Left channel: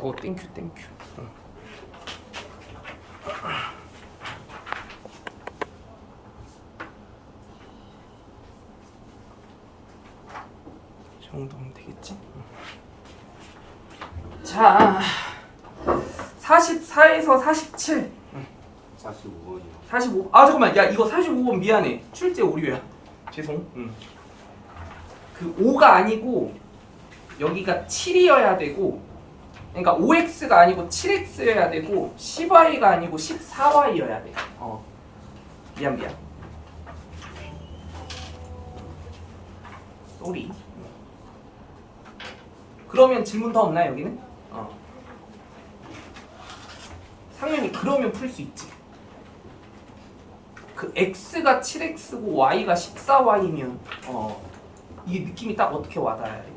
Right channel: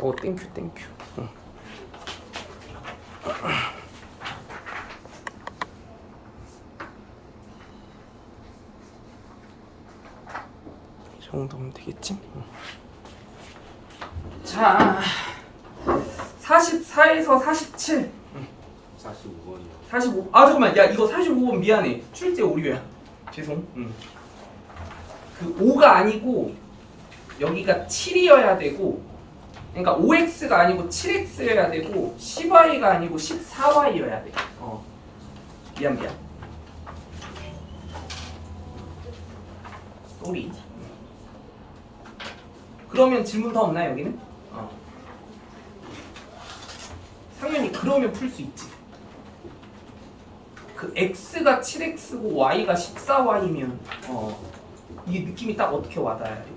땡큐. 이 정도면 되겠지? 자, 44에서 47. 45번이요. 45. 아 잠깐만, 야 이거 45번 미안해. 출제 오류야. 죄송. 그 5가 아니고 여기가 7이어야 되고, 그러니까 5x가 아니고 7x여야 되고 10y가 아니고 14y여야 돼. 미안. 쏘리. 그러면 질문 더 없나 여기는? 당연히 그러면 풀 수 있지. 그 x가 7x고 y가 14y면 이게 느낌이 딱 어떻게 와닿아야 돼?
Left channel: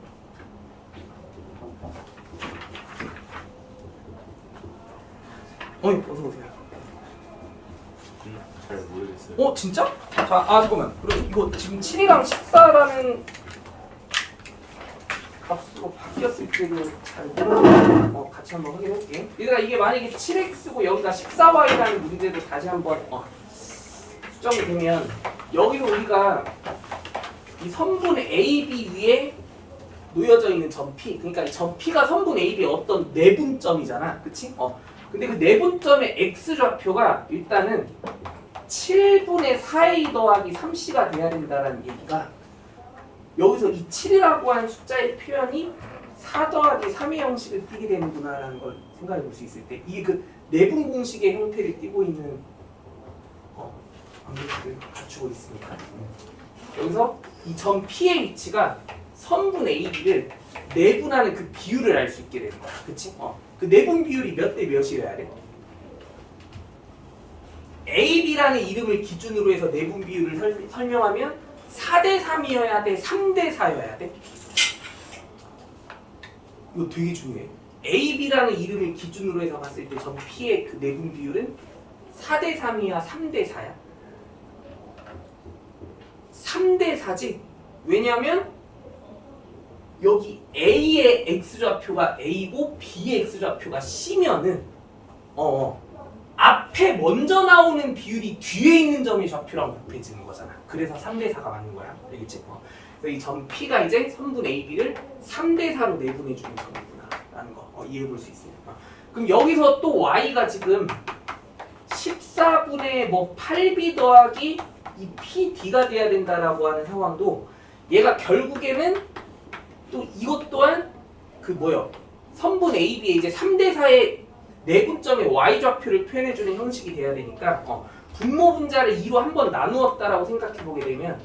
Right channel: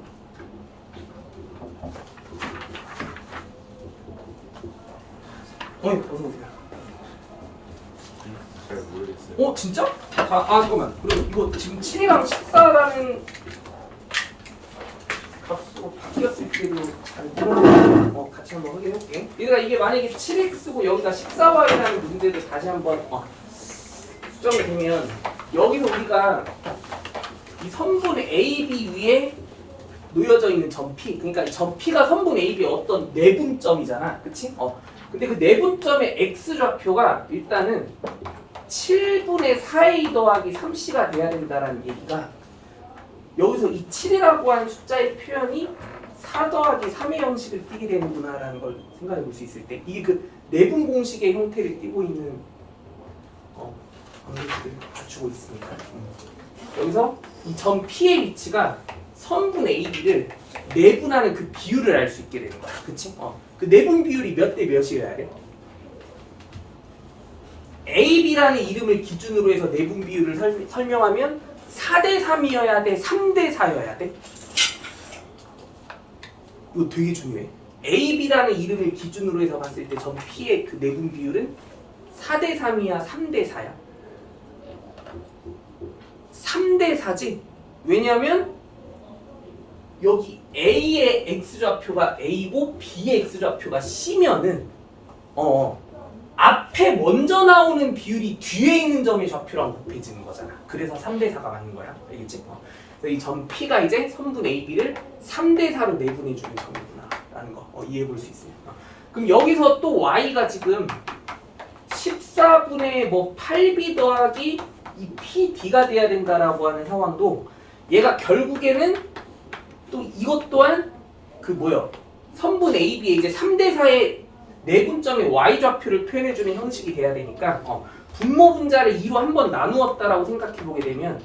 어서 오세요. 잘 모르겠어요. 진짜? 자, 잠깐만. 그럼 이거 지금 7이랑 14라는 값으로 바뀌었을 때도 잘 모르겠어. 같이 한번 확인해볼게. 얘들아, 이게 만약에 7x고 여기가 14y라는 문제도 다시 한번 수정이 되면, 여기서 우리가 이 선분 AB 위에 놓여져 있는 점 P, 그러니까 점 P가 선분 AB의 어떤 내분점이잖아, 그치? 근데 그 내분점의 x좌표가 일단은 7분의 4a 더하기 3c가 돼야 된다라는 얘기가, 여기서 이 7이라고 하는 숫자의 표현이 4 더하기 3의 형식을 띠게 되는구나라는 걸 생각해 볼 수 있을 때, 이게 그 내분 공식의 형태를 띠고 있는 방식을 갖추고 있으니까, 여기서 이 점 P의 위치가 선분 AB를 내분하는 그 비율을 알 수 있게 되는 거야, 그치? 그 내분 비율이 몇 대 몇이어야 돼? AB라는 이름을 기준으로 해서 내분 비율을 설명하면 4대 3이어야 돼? 3대 4여야 돼? 이거 되게 중요해. AB라는 이름을 기준으로 해서 봤을 때 점 P의 그 내분 비율은 4대 3이야? 3대 4야? 3대 4지? 왜냐면 여기 A의 x좌표가 A고 B의 x좌표가 C면은 앞에 먼저 나오는 비율이 뒤에 있는 점의 좌표랑 곱해지는 거잖아. 그래서 3대 4가 맞는 거야. 알겠지? 그래서 이 점 P가 이제 선분 AB를 3대 4로 내분해주는 점이구나 라는 거 이해해 볼 수 있습니다. 그럼 여기서 또 Y가 지금 14분의 8B 더하기 이 PD가 돼야 된다라고 하는 상황도, 얘가 결국에는 또 이것 또한 선분 AB의 이제 3대 4의 내분점의 y좌표를 표현해주는 형식이 돼야 되니까, 분모 분자를 2로 한번 나누었다라고 생각해보게 되면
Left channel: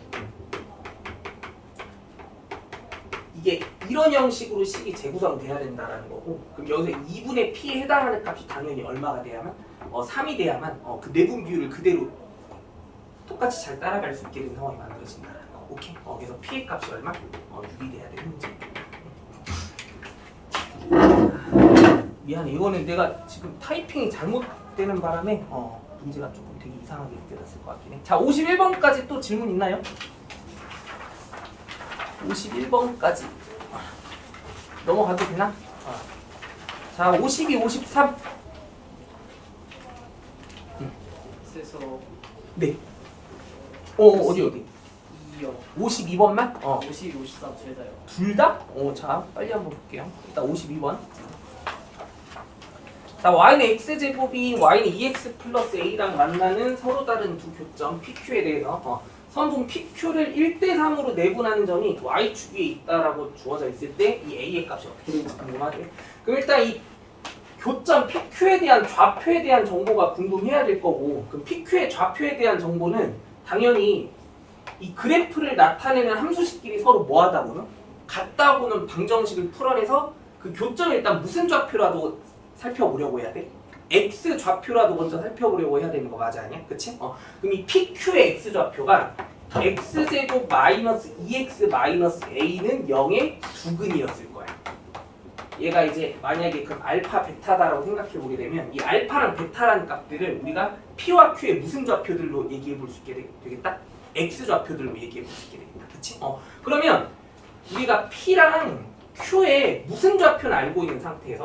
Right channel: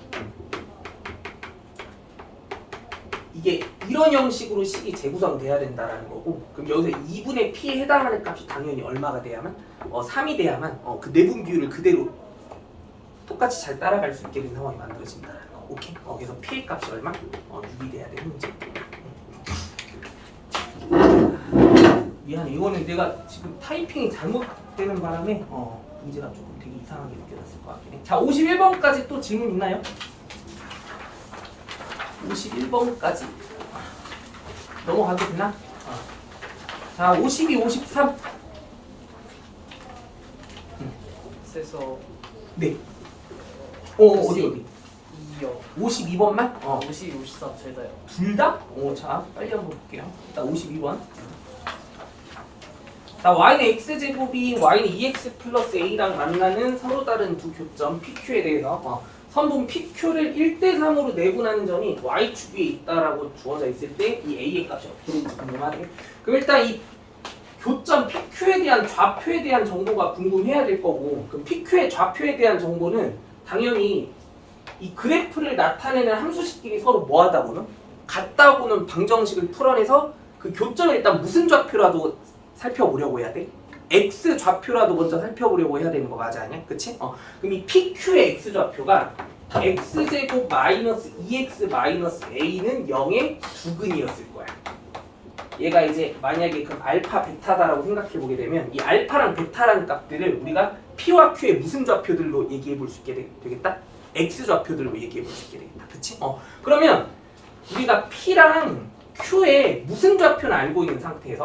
이게 이런 형식으로 식이 재구성돼야 된다라는 거고, 그럼 여기서 2분의 p에 해당하는 값이 당연히 얼마가 돼야만? 3이 돼야만 그 내분 비율을 그대로 똑같이 잘 따라갈 수 있게 된 상황이 만들어진다라는 거. 오케이? 그래서 p의 값이 얼마? 6이 돼야 되는 문제. 미안해, 이거는 내가 지금 타이핑이 잘못되는 바람에 문제가 조금 되게 이상하게 느껴졌을 것 같긴 해. 자, 51번까지 또 질문 있나요? 51번까지 넘어가도 되나? 자, 52, 53. 그래서 네. 어디? 2요. 52번만? 52, 53 둘 다요. 둘 다? 자, 빨리 한번 볼게요. 일단 52번. 자, y는 x제곱이 y는 2x 플러스 a랑 만나는 서로 다른 두 교점 PQ에 대해서 선분 PQ를 1대 3으로 내분하는 점이 y축 위에 있다라고 주어져 있을 때 이 a의 값이 어떻게 되는지 궁금하죠? 그럼 일단 이 교점 PQ에 대한 좌표에 대한 정보가 궁금해야 될 거고, 그 PQ의 좌표에 대한 정보는 당연히 이 그래프를 나타내는 함수식끼리 서로 뭐하다고는? 같다고는 방정식을 풀어내서 그 교점을 일단 무슨 좌표라도 살펴보려고 해야 돼? x 좌표라도 먼저 살펴보려고 해야 되는 거 맞아, 아니야? 그치? 그럼 이 PQ의 x 좌표가 x제곱 마이너스 2x 마이너스 a는 0의 두근이었을 거야. 얘가 이제 만약에 그럼 알파 베타다라고 생각해 보게 되면 이 알파랑 베타라는 값들을 우리가 P와 Q의 무슨 좌표들로 얘기해 볼 수 있게 되겠다? x 좌표들로 얘기해 볼 수 있게 되겠다. 그치? 그러면 우리가 P랑 Q의 무슨 좌표는 알고 있는 상태에서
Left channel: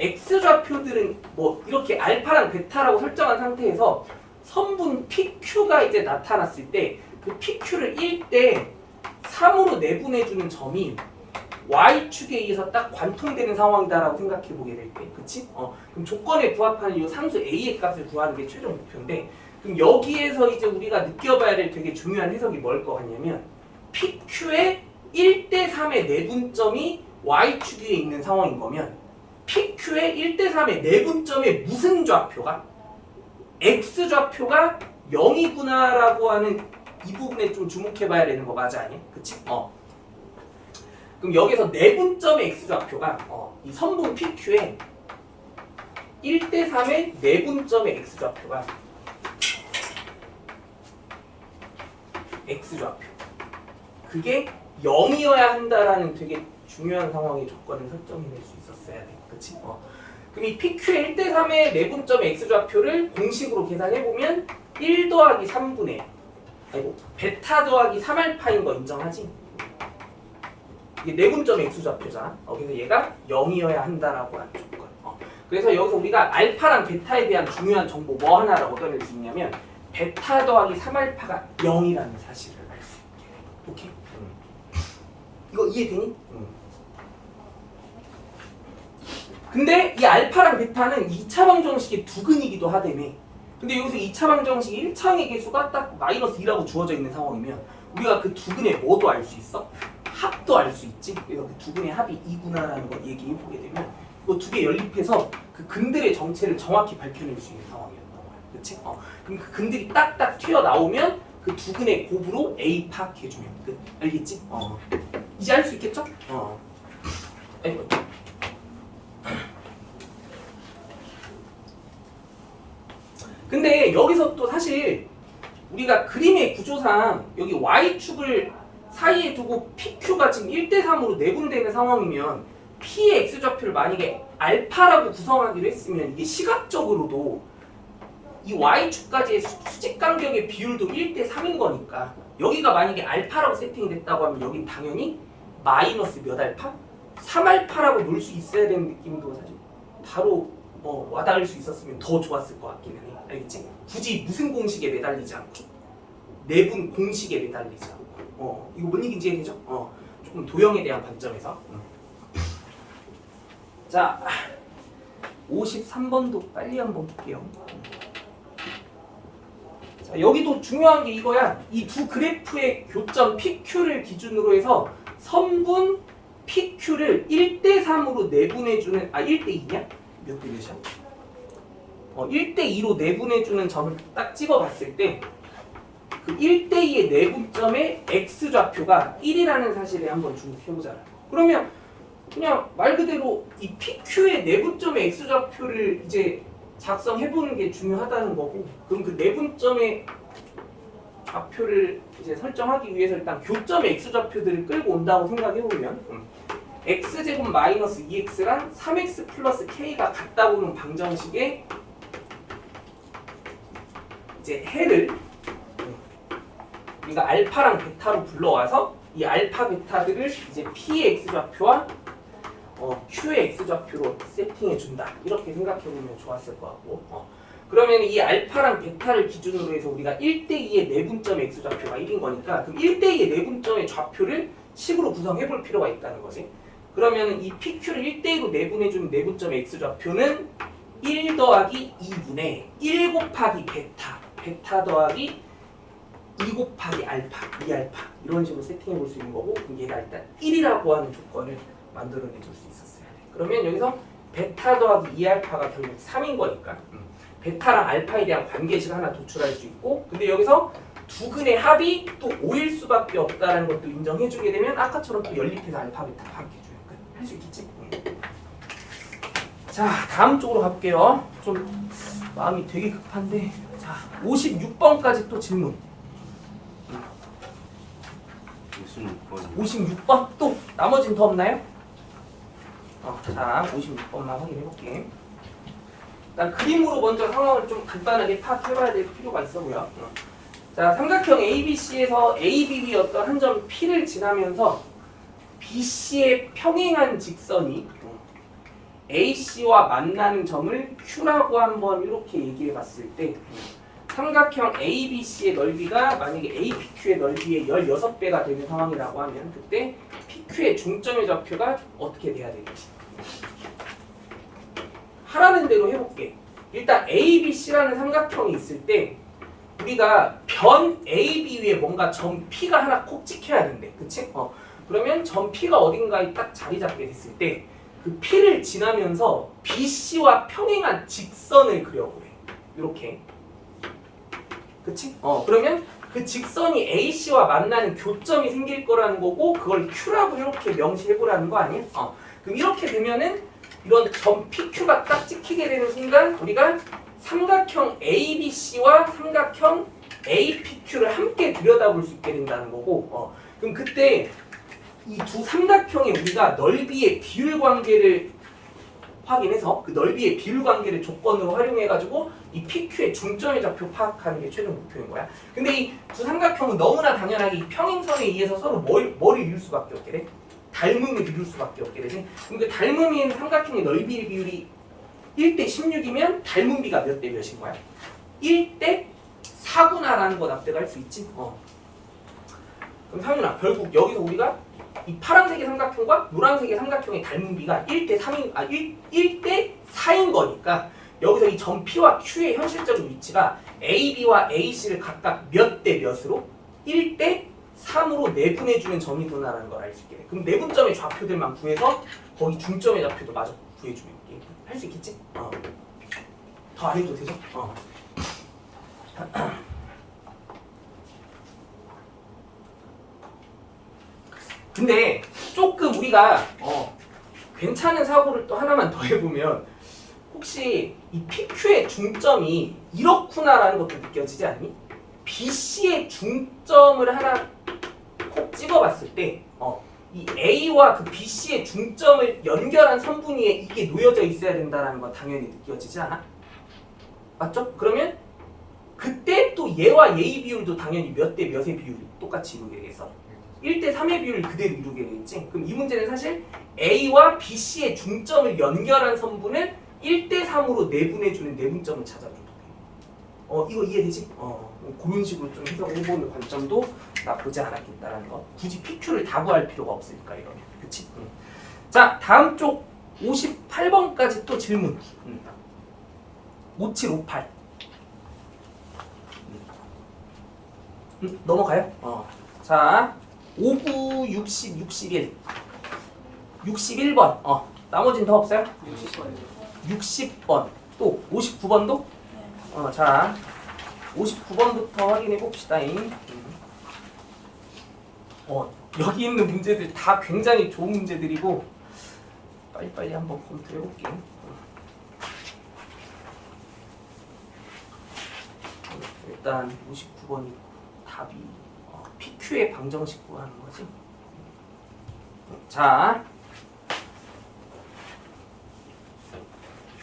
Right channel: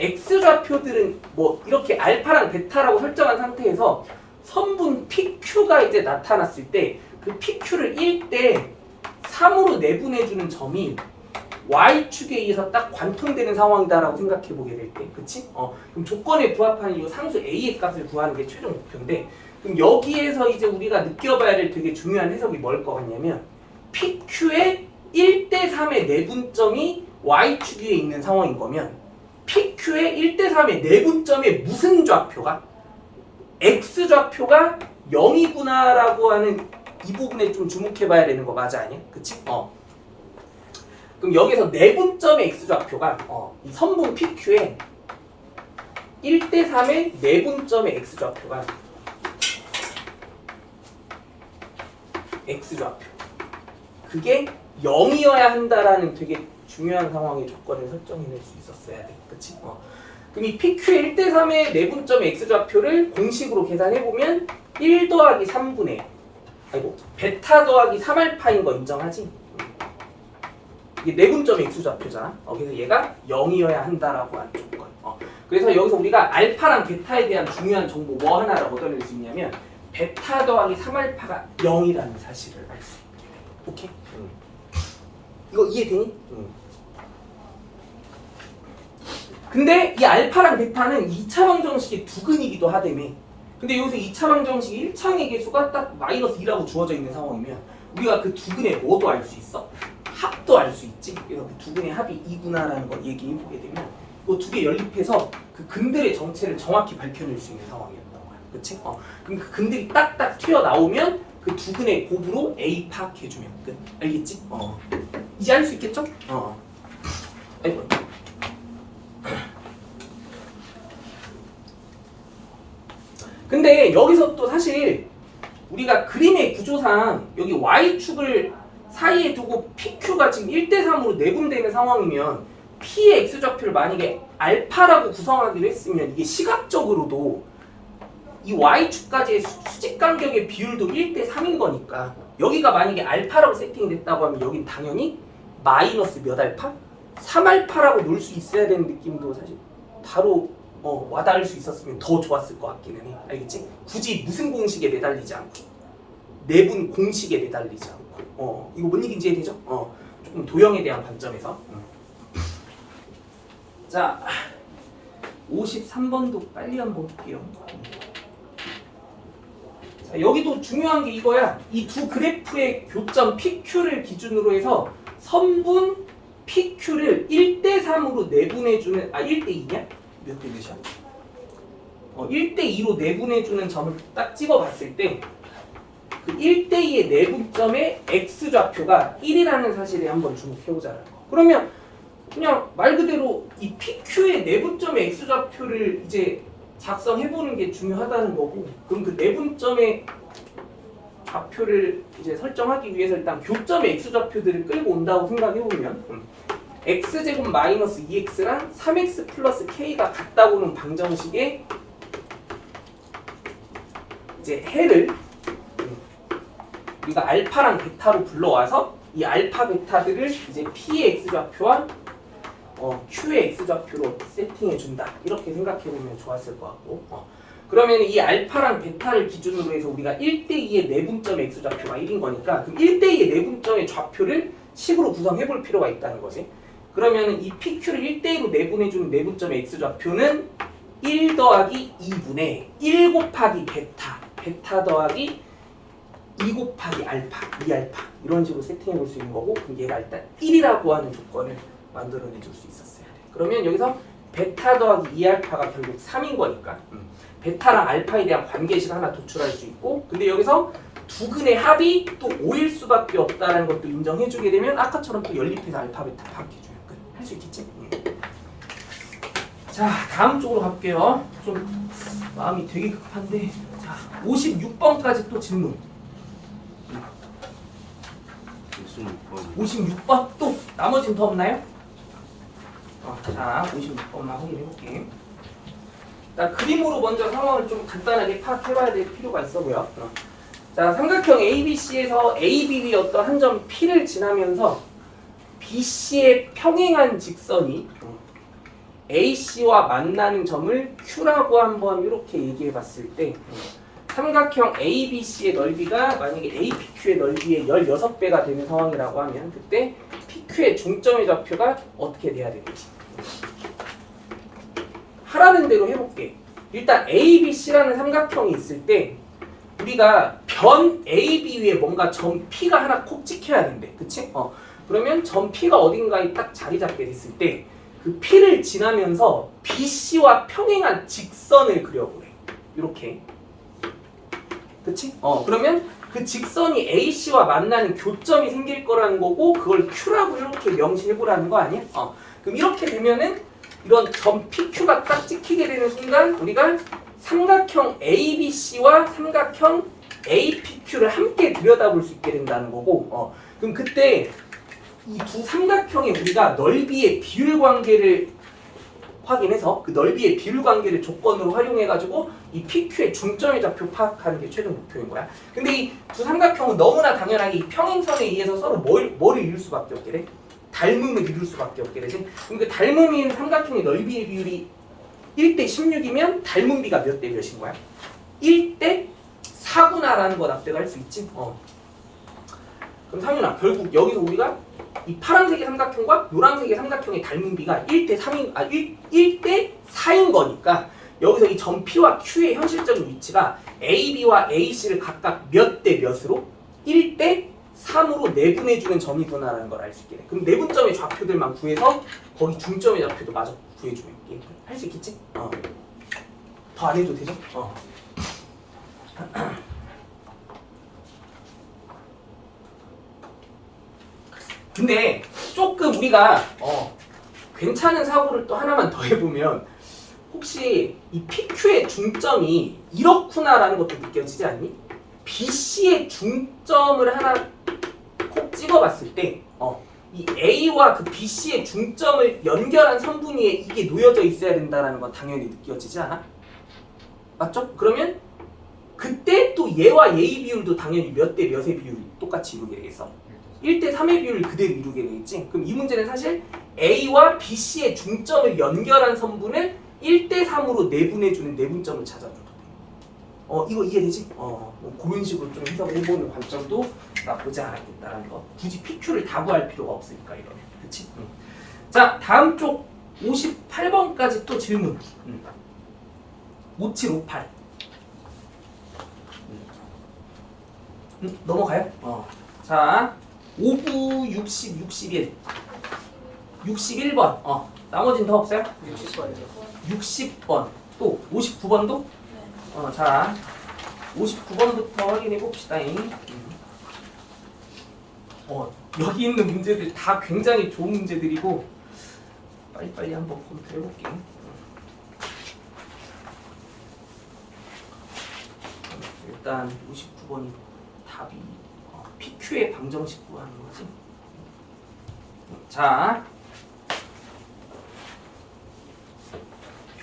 X좌표들은 뭐 이렇게 알파랑 베타라고 설정한 상태에서 선분 PQ가 이제 나타났을 때 그 PQ를 1대 3으로 내분해주는 점이 Y축에 의해서 딱 관통되는 상황이다라고 생각해 보게 될 때, 그치? 그럼 조건에 부합하는 이 상수 A의 값을 구하는 게 최종 목표인데, 그럼 여기에서 이제 우리가 느껴봐야 될 되게 중요한 해석이 뭘 것 같냐면, PQ의 1대3의 내분점이 Y축 위에 있는 상황인 거면, PQ의 1대3의 내분점에 무슨 좌표가? X좌표가 0이구나라고 하는 이 부분에 좀 주목해 봐야 되는 거 맞아, 아니? 그치? 그럼 여기서 내분점의 X좌표가 이 선분 PQ의 1대3의 내분점의 X좌표가 X좌표 그게 0이어야 한다라는 되게 중요한 상황의 조건을 설정해낼 수 있었어야 돼. 그치? 그럼 이 PQ의 1대3의 내분점의 X좌표를 공식으로 계산해보면 1 더하기 3분의 베타 더하기 3알파인 거 인정하지? 이게 내분점의 X좌표잖아. 그래서 얘가 0이어야 한다라고 하는 조건. 그래서 여기서 우리가 알파랑 베타에 대한 중요한 정보 뭐 하나를 얻어낼 수 있냐면 베타 더하기 3알파가 0이라는 사실을 알 수 있게. 오케이? 이거 이해되니? 근데 이 알파랑 베타는 2차 방정식의 두근이기도 하다며. 근데 여기서 2차 방정식이 1차항의 개수가 딱 -2라고 주어져 있는 상황이면 우리가 그 두근의 뭐도 알 수 있어? 합도 알 수 있지. 그래서 그 두근의 합이 2구나라는 걸 얘기해 보게 되면 이거 두 개 연립해서 그 근들의 정체를 정확히 밝혀낼 수 있는 상황이었던 거야. 그렇지? 그럼 그 근들이 딱딱 튀어나오면 그 두근의 곱으로 A 파악해주면 끝. 알겠지? 이제 알 수 있겠죠? 아이고. 근데 여기서 또 사실 우리가 그림의 구조상 여기 Y축을 사이에 두고 PQ가 지금 1대3으로 내분되는 상황이면 P의 X좌표를 만약에 알파라고 구성하기로 했으면 이게 시각적으로도 이 Y축까지의 수직 간격의 비율도 1대3인 거니까 여기가 만약에 알파라고 세팅이 됐다고 하면 여긴 당연히 마이너스 몇 알파? 3알파라고 놓을 수 있어야 되는 느낌도 사실 바로 와닿을 수 있었으면 더 좋았을 것 같기는 해. 알겠지? 굳이 무슨 공식에 매달리지 않고 내분 공식에 매달리지 않고 이거 뭔 얘기인지 이해되죠? 조금 도형에 대한 관점에서 자 53번도 빨리 한번 볼게요. 자, 여기도 중요한 게 이거야. 이 두 그래프의 교점 PQ를 기준으로 해서 선분 PQ를 1대3으로 내분해주는 1대2냐? 몇 대 몇이야? 1대2로 내분해주는 점을 딱 찍어봤을 때 그 1대2의 내분점의 X좌표가 1이라는 사실에 한번 주목해보자. 그러면 그냥 말 그대로 이 PQ의 내분점의 X좌표를 이제 작성해보는 게 중요하다는 거고, 그럼 그 내분점의 좌표를 이제 설정하기 위해서 일단 교점의 X좌표들을 끌고 온다고 생각해보면 X제곱 마이너스 2X랑 3X 플러스 K가 같다고 하는 방정식에 이제 해를 우리가 알파랑 베타로 불러와서 이 알파 베타들을 이제 P의 X좌표와 Q의 X좌표로 세팅해 준다. 이렇게 생각해 보면 좋았을 것 같고. 그러면 이 알파랑 베타를 기준으로 해서 우리가 1대2의 내분점의 X좌표가 1인 거니까 그럼 1대2의 내분점의 좌표를 식으로 구성해 볼 필요가 있다는 거지. 그러면 이 PQ를 1대2로 내분해 주는 내분점의 X좌표는 1 더하기 2분의 1 곱하기 베타 더하기 2 곱하기 알파, 2알파 이런 식으로 세팅해 볼 수 있는 거고, 그럼 얘가 일단 1이라고 하는 조건을 만들어내 줄 수 있었어야 돼. 그러면 여기서 베타 더하기 2알파가 결국 3인 거니까 베타랑 알파에 대한 관계식 하나 도출할 수 있고, 근데 여기서 두 근의 합이 또 5일 수밖에 없다는 것도 인정해 주게 되면 아까처럼 또 연립해서 알파, 베타 파악해줘요. 할 수 있겠지? 자, 다음 쪽으로 갈게요. 좀 마음이 되게 급한데, 자 56번까지 또 질문. 56번 또 나머지는 더 없나요? 자 56번만 확인해 볼게. 일단 그림으로 먼저 상황을 좀 간단하게 파악해봐야 될 필요가 있어고요. 자 삼각형 ABC에서 AB의 어떤 한 점 P를 지나면서 BC에 평행한 직선이 AC와 만나는 점을 Q라고 한번 이렇게 얘기해 봤을 때 삼각형 ABC의 넓이가 만약에 APQ의 넓이의 16배가 되는 상황이라고 하면 그때 PQ의 중점의 좌표가 어떻게 돼야 되는지 하라는 대로 해볼게. 일단 ABC라는 삼각형이 있을 때 우리가 변 AB 위에 뭔가 점 P가 하나 콕 찍혀야 된대. 그치? 그러면 점 P가 어딘가에 딱 자리 잡게 됐을 때 그 P를 지나면서 BC와 평행한 직선을 그려보래. 이렇게. 그치? 그러면 그 직선이 AC와 만나는 교점이 생길 거라는 거고 그걸 Q라고 이렇게 명시해보라는 거 아니야? 그럼 이렇게 되면은 이런 점 PQ가 딱 찍히게 되는 순간 우리가 삼각형 ABC와 삼각형 APQ를 함께 들여다볼 수 있게 된다는 거고 그럼 그때 이 두 삼각형의 우리가 넓이의 비율 관계를 확인해서 그 넓이의 비율 관계를 조건으로 활용해가지고 이 PQ의 중점의 좌표 파악하는 게 최종 목표인 거야. 근데 이 두 삼각형은 너무나 당연하게 이 평행선에 의해서 서로 뭐를 이룰 수밖에 없게 돼? 닮음을 이룰 수밖에 없게 되지. 그럼 그 닮음이 있는 삼각형의 넓이의 비율이 1대 16이면 닮음비가 몇 대 몇인 거야? 1대 4구나라는 거 납득할 수 있지? 그럼 상윤아, 결국 여기서 우리가 이 파란색의 삼각형과 노란색의 삼각형의 닮음비가 1대 3인, 1대 4인 거니까 여기서 이 점 P와 Q의 현실적인 위치가 AB와 AC를 각각 몇 대 몇으로? 1대 3으로 내분해주는 점이구나라는 걸 알 수 있게 돼. 그럼 내분점의 좌표들만 구해서 거기 중점의 좌표도 마저 구해주면 할 수 있겠지? 더 안 해도 되죠? 근데 조금 우리가 괜찮은 사고를 또 하나만 더 해보면 혹시 이 PQ의 중점이 이렇구나라는 것도 느껴지지 않니? BC의 중점을 하나 콕 찍어봤을 때 이 A와 그 BC의 중점을 연결한 선분위에 이게 놓여져 있어야 된다는 건 당연히 느껴지지 않아? 맞죠? 그러면 그때 또 얘와 얘의 비율도 당연히 몇 대 몇의 비율이 똑같이 이루게 되겠어? 1대 3의 비율을 그대로 이루게 되겠지? 그럼 이 문제는 사실 A와 BC의 중점을 연결한 선분을 1대 3으로 내분해주는 내분점을 찾아줘도 돼. 이거 이해되지? 그런 식으로 좀 해석을 해보는 관점도 나쁘지 않았겠다라는 거. 굳이 PQ를 다 구할 필요가 없으니까 이러면. 그치? 자, 다음 쪽 58번까지 또 질문. 5758. 넘어가요? 자, 59, 60, 61. 61번. 나머지는 더 없어요? 60번이요. 60번. 또 59번도? 자, 59번부터 확인해 봅시다. 여기 있는 문제들 다 굉장히 좋은 문제들이고 빨리빨리 한번 검토해 볼게요. 일단 59번이 답이 PQ의 방정식 구하는 거지. 자,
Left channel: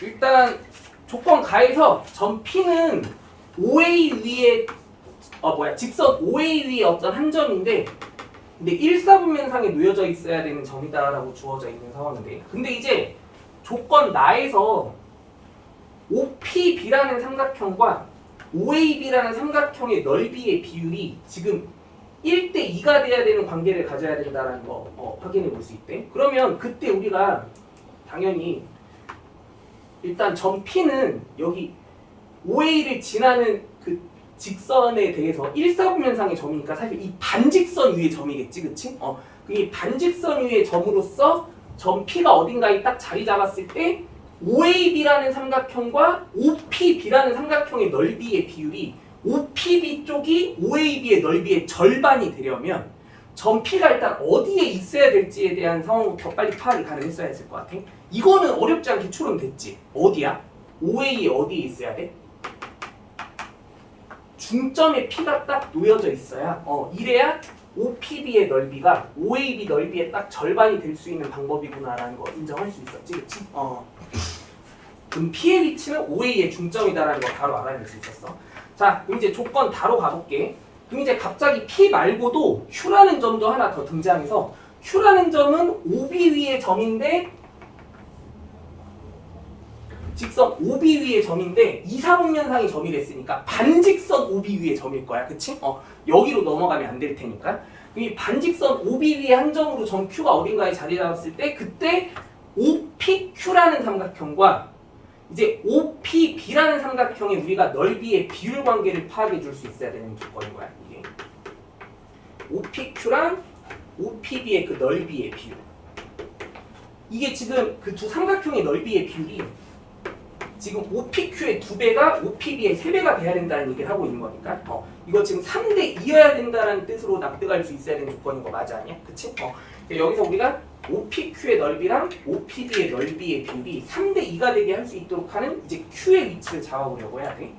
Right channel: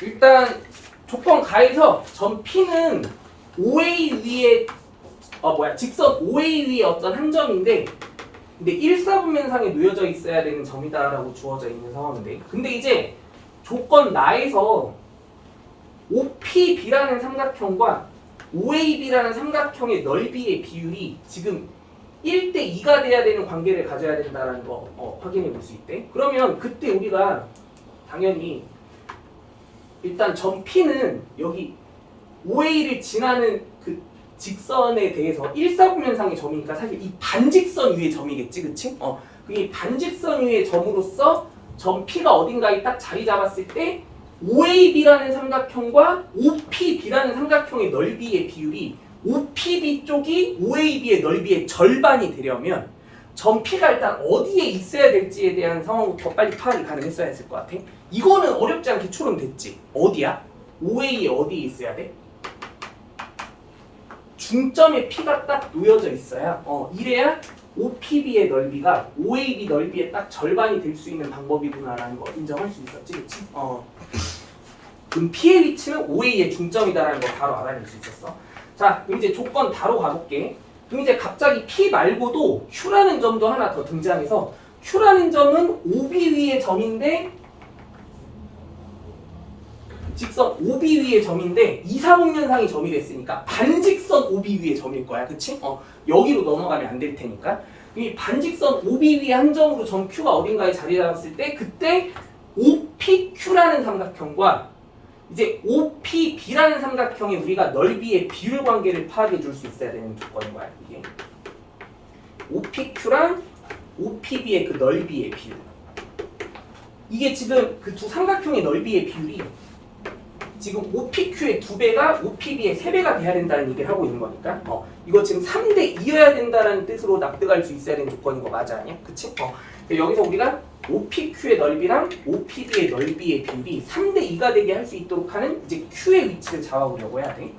일단 조건 가에서 점 P는 OA 위에 직선 OA 위에 어떤 한 점인데 근데 1사분면상에 놓여져 있어야 되는 점이다라고 주어져 있는 상황인데 근데 이제 조건 나에서 OPB라는 삼각형과 OAB라는 삼각형의 넓이의 비율이 지금 1대 2가 돼야 되는 관계를 가져야 된다는 거 확인해 볼 수 있대. 그러면 그때 우리가 당연히 일단 점 P는 여기 OA를 지나는 그 직선에 대해서 1사분면상의 점이니까 사실 이 반직선 위의 점이겠지, 그치? 이 반직선 위의 점으로서 점 P가 어딘가에 딱 자리 잡았을 때 OAB라는 삼각형과 OPB라는 삼각형의 넓이의 비율이 OPB 쪽이 OAB의 넓이의 절반이 되려면 점 P가 일단 어디에 있어야 될지에 대한 상황부터 빨리 파악이 가능했어야 했을 것 같아. 이거는 어렵지 않게 추론됐지. 어디야? OA에 어디에 있어야 돼? 중점에 P가 딱 놓여져 있어야 이래야 OPB의 넓이가 OAB 넓이의 딱 절반이 될 수 있는 방법이구나라는 거 인정할 수 있었지, 그치? 그럼 P의 위치는 OA의 중점이다라는 거 바로 알아낼 수 있었어. 자, 그럼 이제 조건 다로 가볼게. 그럼 이제 갑자기 P 말고도 Q라는 점도 하나 더 등장해서 Q라는 점은 OB 위의 점인데 직선 OB 위의 점인데 이사분면상이 점이 됐으니까 반직선 OB 위의 점일 거야. 그치? 여기로 넘어가면 안 될 테니까. 이 반직선 OB 위의 한 점으로 점 Q가 어딘가에 자리 잡았을 때 그때 OPQ라는 삼각형과 이제 OPB라는 삼각형에 우리가 넓이의 비율 관계를 파악해 줄 수 있어야 되는 조건인 거야. 이게 OPQ랑 OPB의 그 넓이의 비율. 이게 지금 그 두 삼각형의 넓이의 비율이 지금 OPQ의 2배가 OPB의 3배가 돼야 된다는 얘기를 하고 있는 거니까 이거 지금 3대 2여야 된다는 뜻으로 납득할 수 있어야 되는 조건인 거 맞아 아니야? 그치? 여기서 우리가 OPQ의 넓이랑 OPB의 넓이의 비율이 3대 2가 되게 할 수 있도록 하는 이제 Q의 위치를 잡아보려고 해야 돼.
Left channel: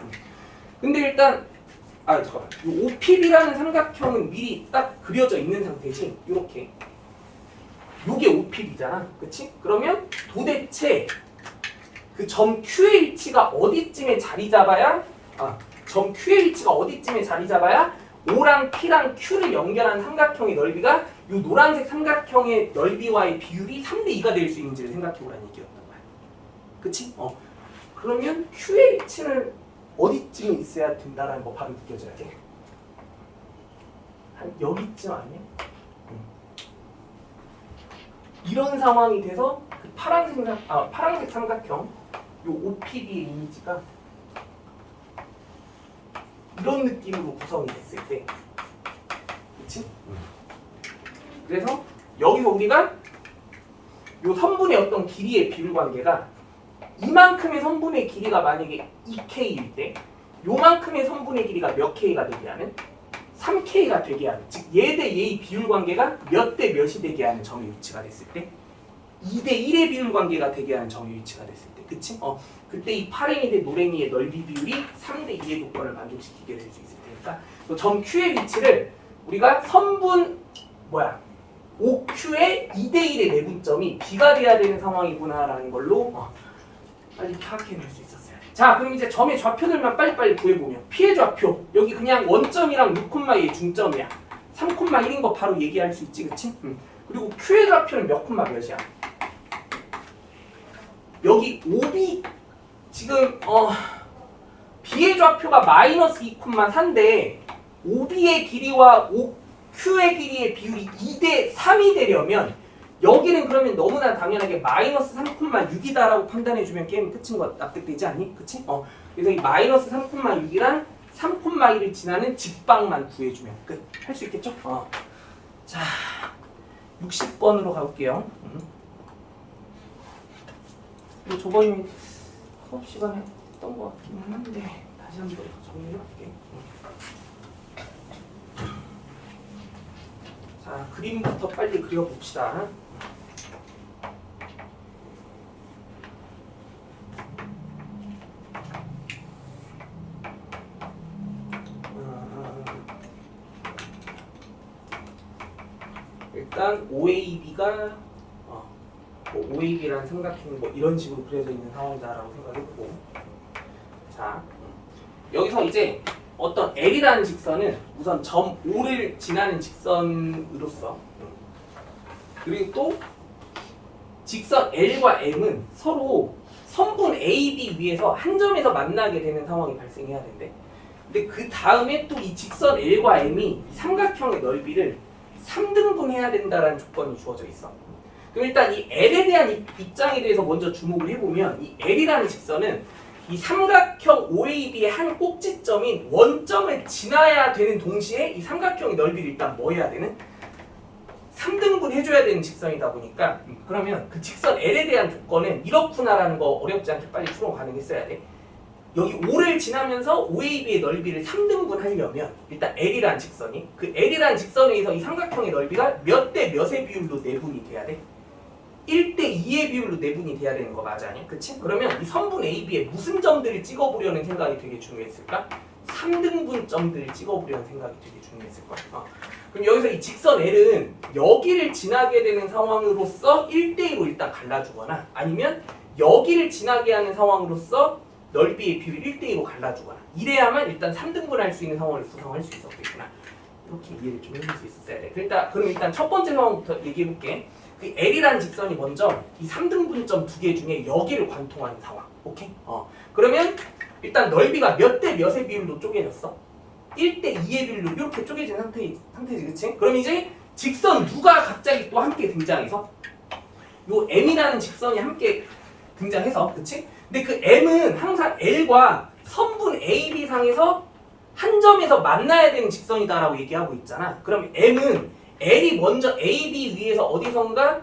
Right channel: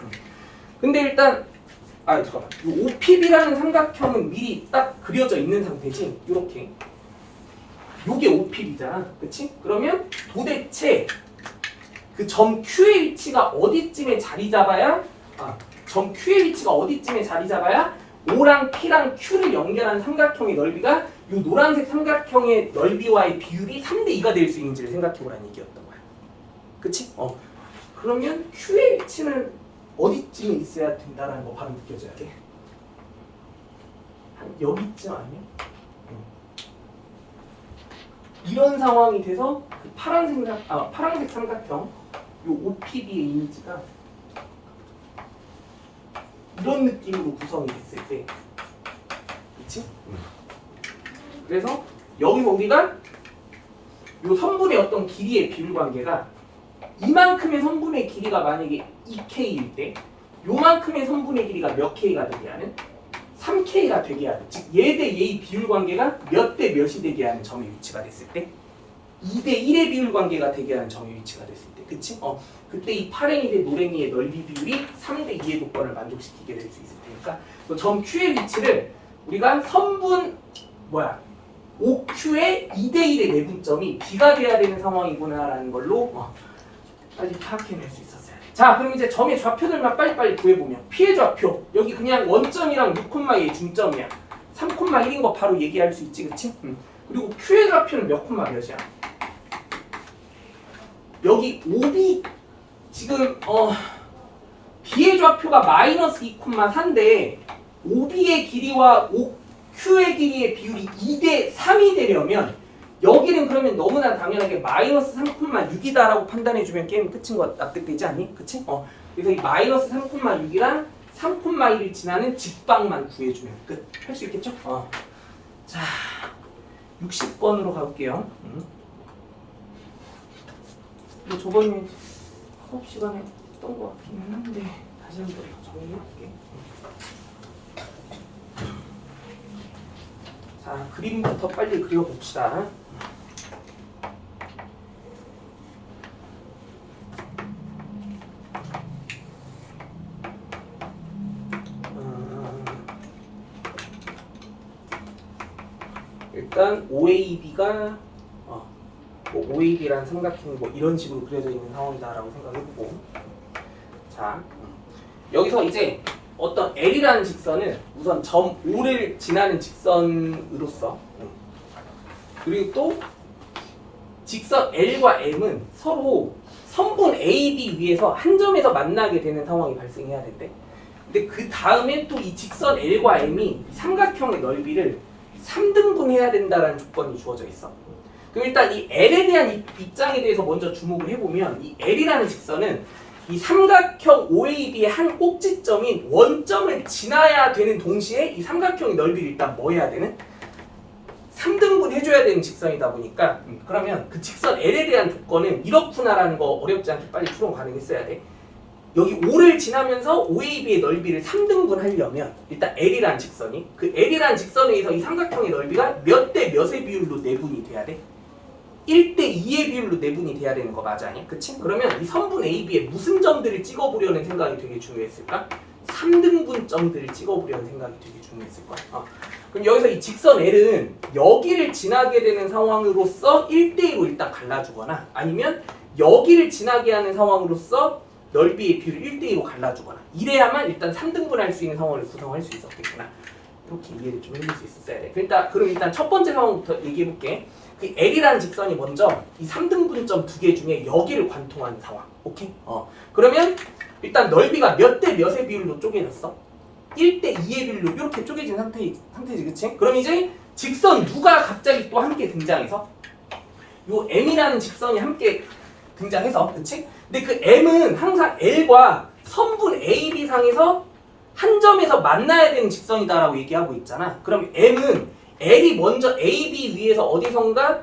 근데 일단 잠깐만. 이 OPB라는 삼각형은 미리 딱 그려져 있는 상태지. 이렇게. 요게 OPB잖아. 그치? 그러면 도대체 그 점 Q의 위치가 어디쯤에 자리 잡아야 점 Q의 위치가 어디쯤에 자리 잡아야 O랑 P랑 Q를 연결한 삼각형의 넓이가 이 노란색 삼각형의 넓이와의 비율이 3대 2가 될 수 있는지를 생각해보라는 얘기였던 거야. 그치? 그러면 Q의 위치는 어디쯤에 있어야 된다는 거 바로 느껴져야 돼. 한 여기쯤 아니야? 이런 상황이 돼서 그 파란색 삼각형 요 OPB의 이미지가 이런 느낌으로 구성이 됐을 때, 그치? 그래서 여기서 우리가 요 선분의 어떤 길이의 비율 관계가 이만큼의 선분의 길이가 만약에 2K일 때 요만큼의 선분의 길이가 몇 K가 되게 하는? 3K가 되게 하는, 즉 얘 대 얘의 비율 관계가 몇 대 몇이 되게 하는 점의 위치가 됐을 때 2대 1의 비율 관계가 되게 하는 점의 위치가 됐을 때, 그치? 그때 이 파랭이 대 노랭이의 넓이 비율이 3대 2의 조건을 만족시키게 될 수 있을 테니까 점 Q의 위치를 우리가 선분 OQ의 2대 1의 내분점이 B가 돼야 되는 상황이구나라는 걸로 빨리 파악해낼 수 있었어요. 자, 그럼 이제 점의 좌표들만 빨리빨리 구해보면 P의 좌표 여기 그냥 원점이랑 6,2의 중점이야. 3,1인 거 바로 얘기할 수 있지, 그치? 그리고 Q의 좌표는 몇 콤마 몇이야? 여기 OB 지금 B의 좌표가 마이너스 2,4인데 OB의 길이와 OQ의 길이의 비율이 2대 3이 되려면 여기는 그러면 너무나 당연하게 마이너스 3,6이다라고 판단해주면 게임 끝인 거 납득되지 않니? 그치? 그래서 이 마이너스 3,6이랑 3,1을 지나는 직방만 구해주면 끝. 할 수 있겠죠? 자, 60번으로 가볼게요. 이거 저번에 수업 시간에 했던 것 같긴 한데 다시 한번 정리해볼게. 자, 그림부터 빨리 그려봅시다. 일단 OAB가 OAB라는 삼각형이 이런 식으로 그려져 있는 상황이다라고 생각해보고, 자 여기서 이제 어떤 L이라는 직선은 우선 점 O를 지나는 직선으로서, 그리고 또 직선 L과 M은 서로 선분 AB 위에서 한 점에서 만나게 되는 상황이 발생해야 된대. 근데 그 다음에 또 이 직선 L과 M이 삼각형의 넓이를 3등분 해야 된다는 조건이 주어져 있어. 그럼 일단 이 L에 대한 입장에 대해서 먼저 주목을 해보면, 이 L이라는 직선은 이 삼각형 OAB의 한 꼭지점인 원점을 지나야 되는 동시에 이 삼각형의 넓이를 일단 뭐 해야 되는? 3등분 해줘야 되는 직선이다 보니까 그러면 그 직선 L에 대한 조건은 이렇구나라는 거 어렵지 않게 빨리 추론 가능했어야 돼. 여기 O를 지나면서 OAB의 넓이를 3등분 하려면 일단 L이라는 직선이 그 L이라는 직선에 의해서 이 삼각형의 넓이가 몇 대 몇의 비율로 내분이 돼야 돼? 1대 2의 비율로 내분이 돼야 되는 거 맞아 아니야? 그치? 그러면 이 선분 AB에 무슨 점들을 찍어보려는 생각이 되게 중요했을까? 3등분 점들을 찍어보려는 생각이 되게 중요했을 거야. 그럼 여기서 이 직선 L은 여기를 지나게 되는 상황으로서 1대2로 일단 갈라주거나 아니면 여기를 지나게 하는 상황으로서 넓이의 비율을 1대2로 갈라주거나 이래야만 일단 3등분 할 수 있는 상황을 구성할 수 있었겠구나. 이렇게 이해를 좀 해줄 수 있었어야 돼. 그럼 일단 첫 번째 상황부터 얘기해볼게. 그 L이라는 직선이 먼저 이 3등분점 두 개 중에 여기를 관통하는 상황. 오케이? 그러면 일단 넓이가 몇 대 몇의 비율로 쪼개졌어? 1대 2의 비율로 이렇게 쪼개진 상태지, 그치? 그럼 이제 직선 누가 갑자기 또 함께 등장해서 요 M이라는 직선이 함께 등장해서, 그치? 근데 그 M은 항상 L과 선분 AB 상에서 한 점에서 만나야 되는 직선이다라고 얘기하고 있잖아. 그럼 M은 L이 먼저 AB 위에서 어디선가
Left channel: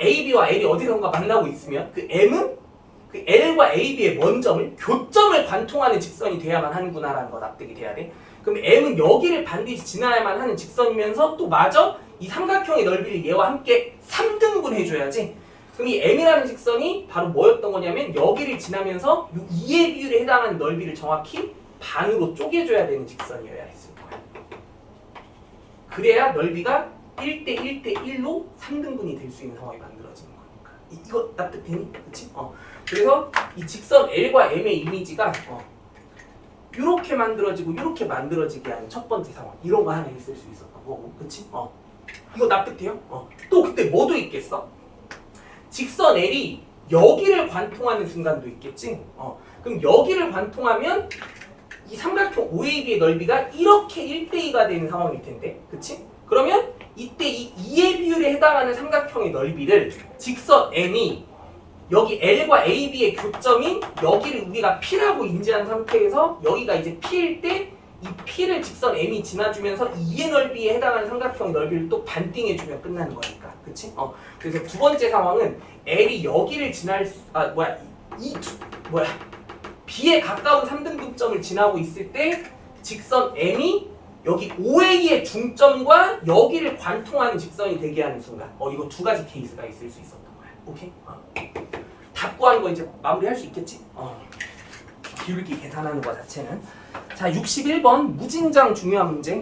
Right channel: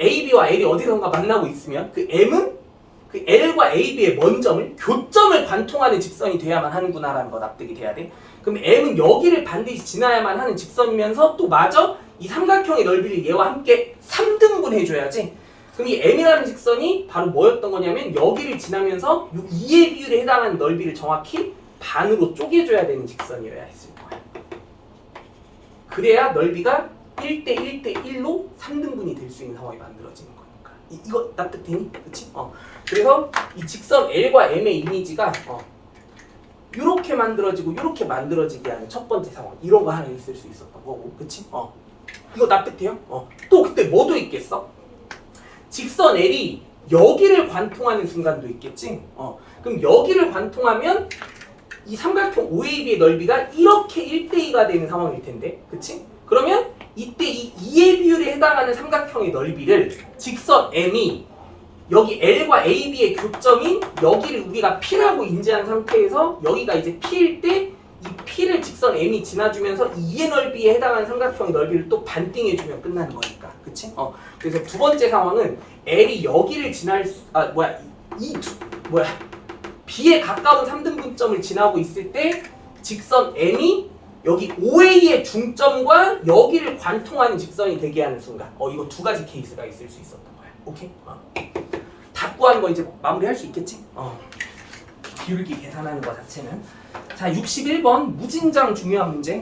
AB와 L이 어디선가 만나고 있으면 그 M은 그 L과 AB의 먼점을 교점을 관통하는 직선이 돼야만 하는구나라는 거 납득이 돼야 돼. 그럼 M은 여기를 반드시 지나야만 하는 직선이면서 또 마저 이 삼각형의 넓이를 얘와 함께 3등분 해줘야지. 그럼 이 M이라는 직선이 바로 뭐였던 거냐면 여기를 지나면서 이 2의 비율에 해당하는 넓이를 정확히 반으로 쪼개줘야 되는 직선이어야 했을 거야. 그래야 넓이가 1대 1대 1로 3등분이 될 수 있는 상황이 만들어지는 거니까. 이거 납득되니? 그치? 그래서 이 직선 L과 M의 이미지가 이렇게 만들어지고 이렇게 만들어지게 하는 첫 번째 상황. 이런 거 하나 있을 수 있었던 거고. 그치? 이거 납득돼요? 또 그때 뭐도 있겠어? 직선 L이 여기를 관통하는 순간도 있겠지? 그럼 여기를 관통하면 이 삼각형 OAB의 넓이가 이렇게 1대2가 되는 상황일 텐데, 그치? 그러면 이때 이 2의 비율에 해당하는 삼각형의 넓이를 직선 M이 여기 L과 AB의 교점인 여기를 우리가 P라고 인지한 상태에서 여기가 이제 P일 때 이 P를 직선 M이 지나주면서 2의 넓이에 해당하는 삼각형의 넓이를 또 반띵해주면 끝나는 거니까, 그치? 그래서 두 번째 상황은 L이 여기를 지날 B에 가까운 3등분점을 지나고 있을 때 직선 M이 여기 OA의 중점과 여기를 관통하는 직선이 되게 하는 순간. 이거 두 가지 케이스가 있을 수 있었던 거야. 오케이? 다 구하는 거 이제 마무리할 수 있겠지? 기울기 계산하는 거 자체는. 자, 61번 무진장 중요한 문제.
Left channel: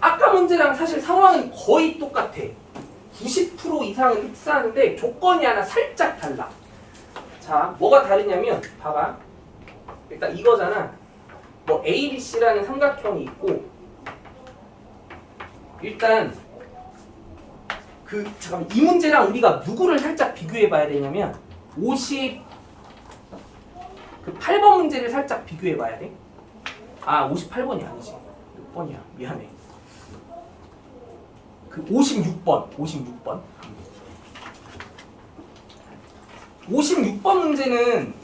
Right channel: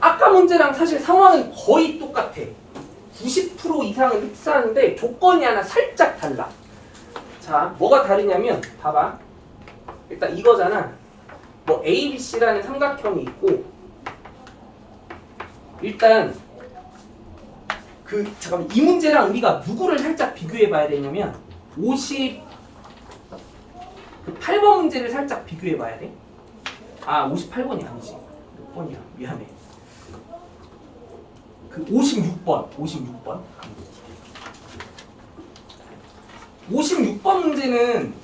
아까 문제랑 사실 상황은 거의 똑같아. 90% 이상은 흡사하는데 조건이 하나 살짝 달라. 자, 뭐가 다르냐면 봐봐. 일단 이거잖아. 뭐 ABC라는 삼각형이 있고 일단 잠깐만, 이 문제랑 우리가 누구를 살짝 비교해 봐야 되냐면 58번 문제를 살짝 비교해 봐야 돼. 58번이 아니지. 몇 번이야? 미안해. 56번. 56번 문제는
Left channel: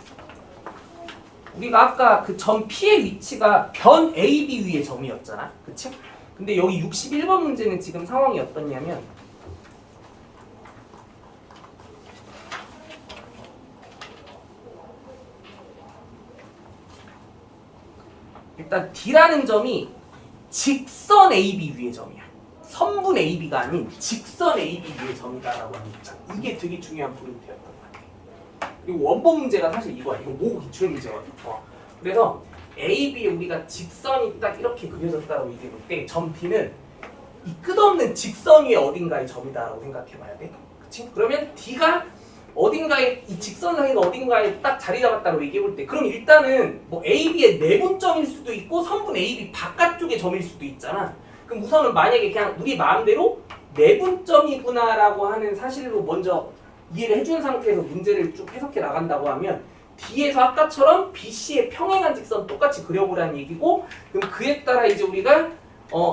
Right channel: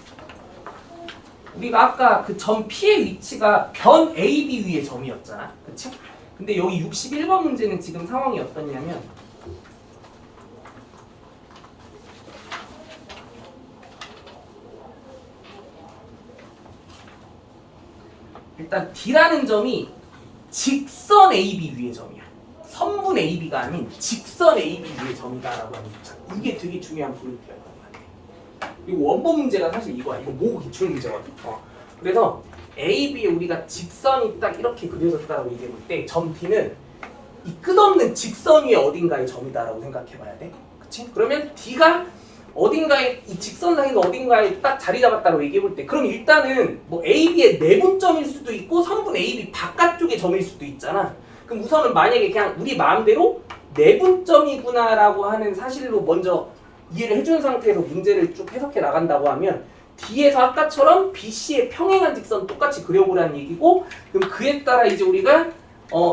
우리가 아까 그 점 P의 위치가 변 AB 위의 점이었잖아. 그치? 근데 여기 61번 문제는 지금 상황이 어떠냐면 일단 D라는 점이 직선 AB 위의 점이야. 선분 AB가 아닌 직선 AB 위의 점이다라고 하니까 이게 되게 중요한 포인트였던 것 같아. 그리고 원본 문제가 사실 이거야. 이거 모고 기출 문제거든. 그래서 AB에 우리가 직선이 딱 이렇게 그려졌다고 얘기할 때 점 D는 이 끝없는 직선 위에 어딘가의 점이다라고 생각해봐야 돼. 그치? 그러면 D가 어딘가에 이 직선 사이가 어딘가에 딱 자리 잡았다고 얘기해볼 때 그럼 일단은 뭐 AB의 내분점일 수도 있고 선분 AB 바깥쪽의 점일 수도 있잖아. 그럼 우선은 만약에 그냥 우리 마음대로 내분점이구나라고 하는 사실로 먼저 이해를 해준 상태에서 문제를 쭉 해석해 나간다고 하면 D에서 아까처럼 BC의 평행한 직선 똑같이 그려보라는 얘기고 그럼 그에 따라 이제 우리가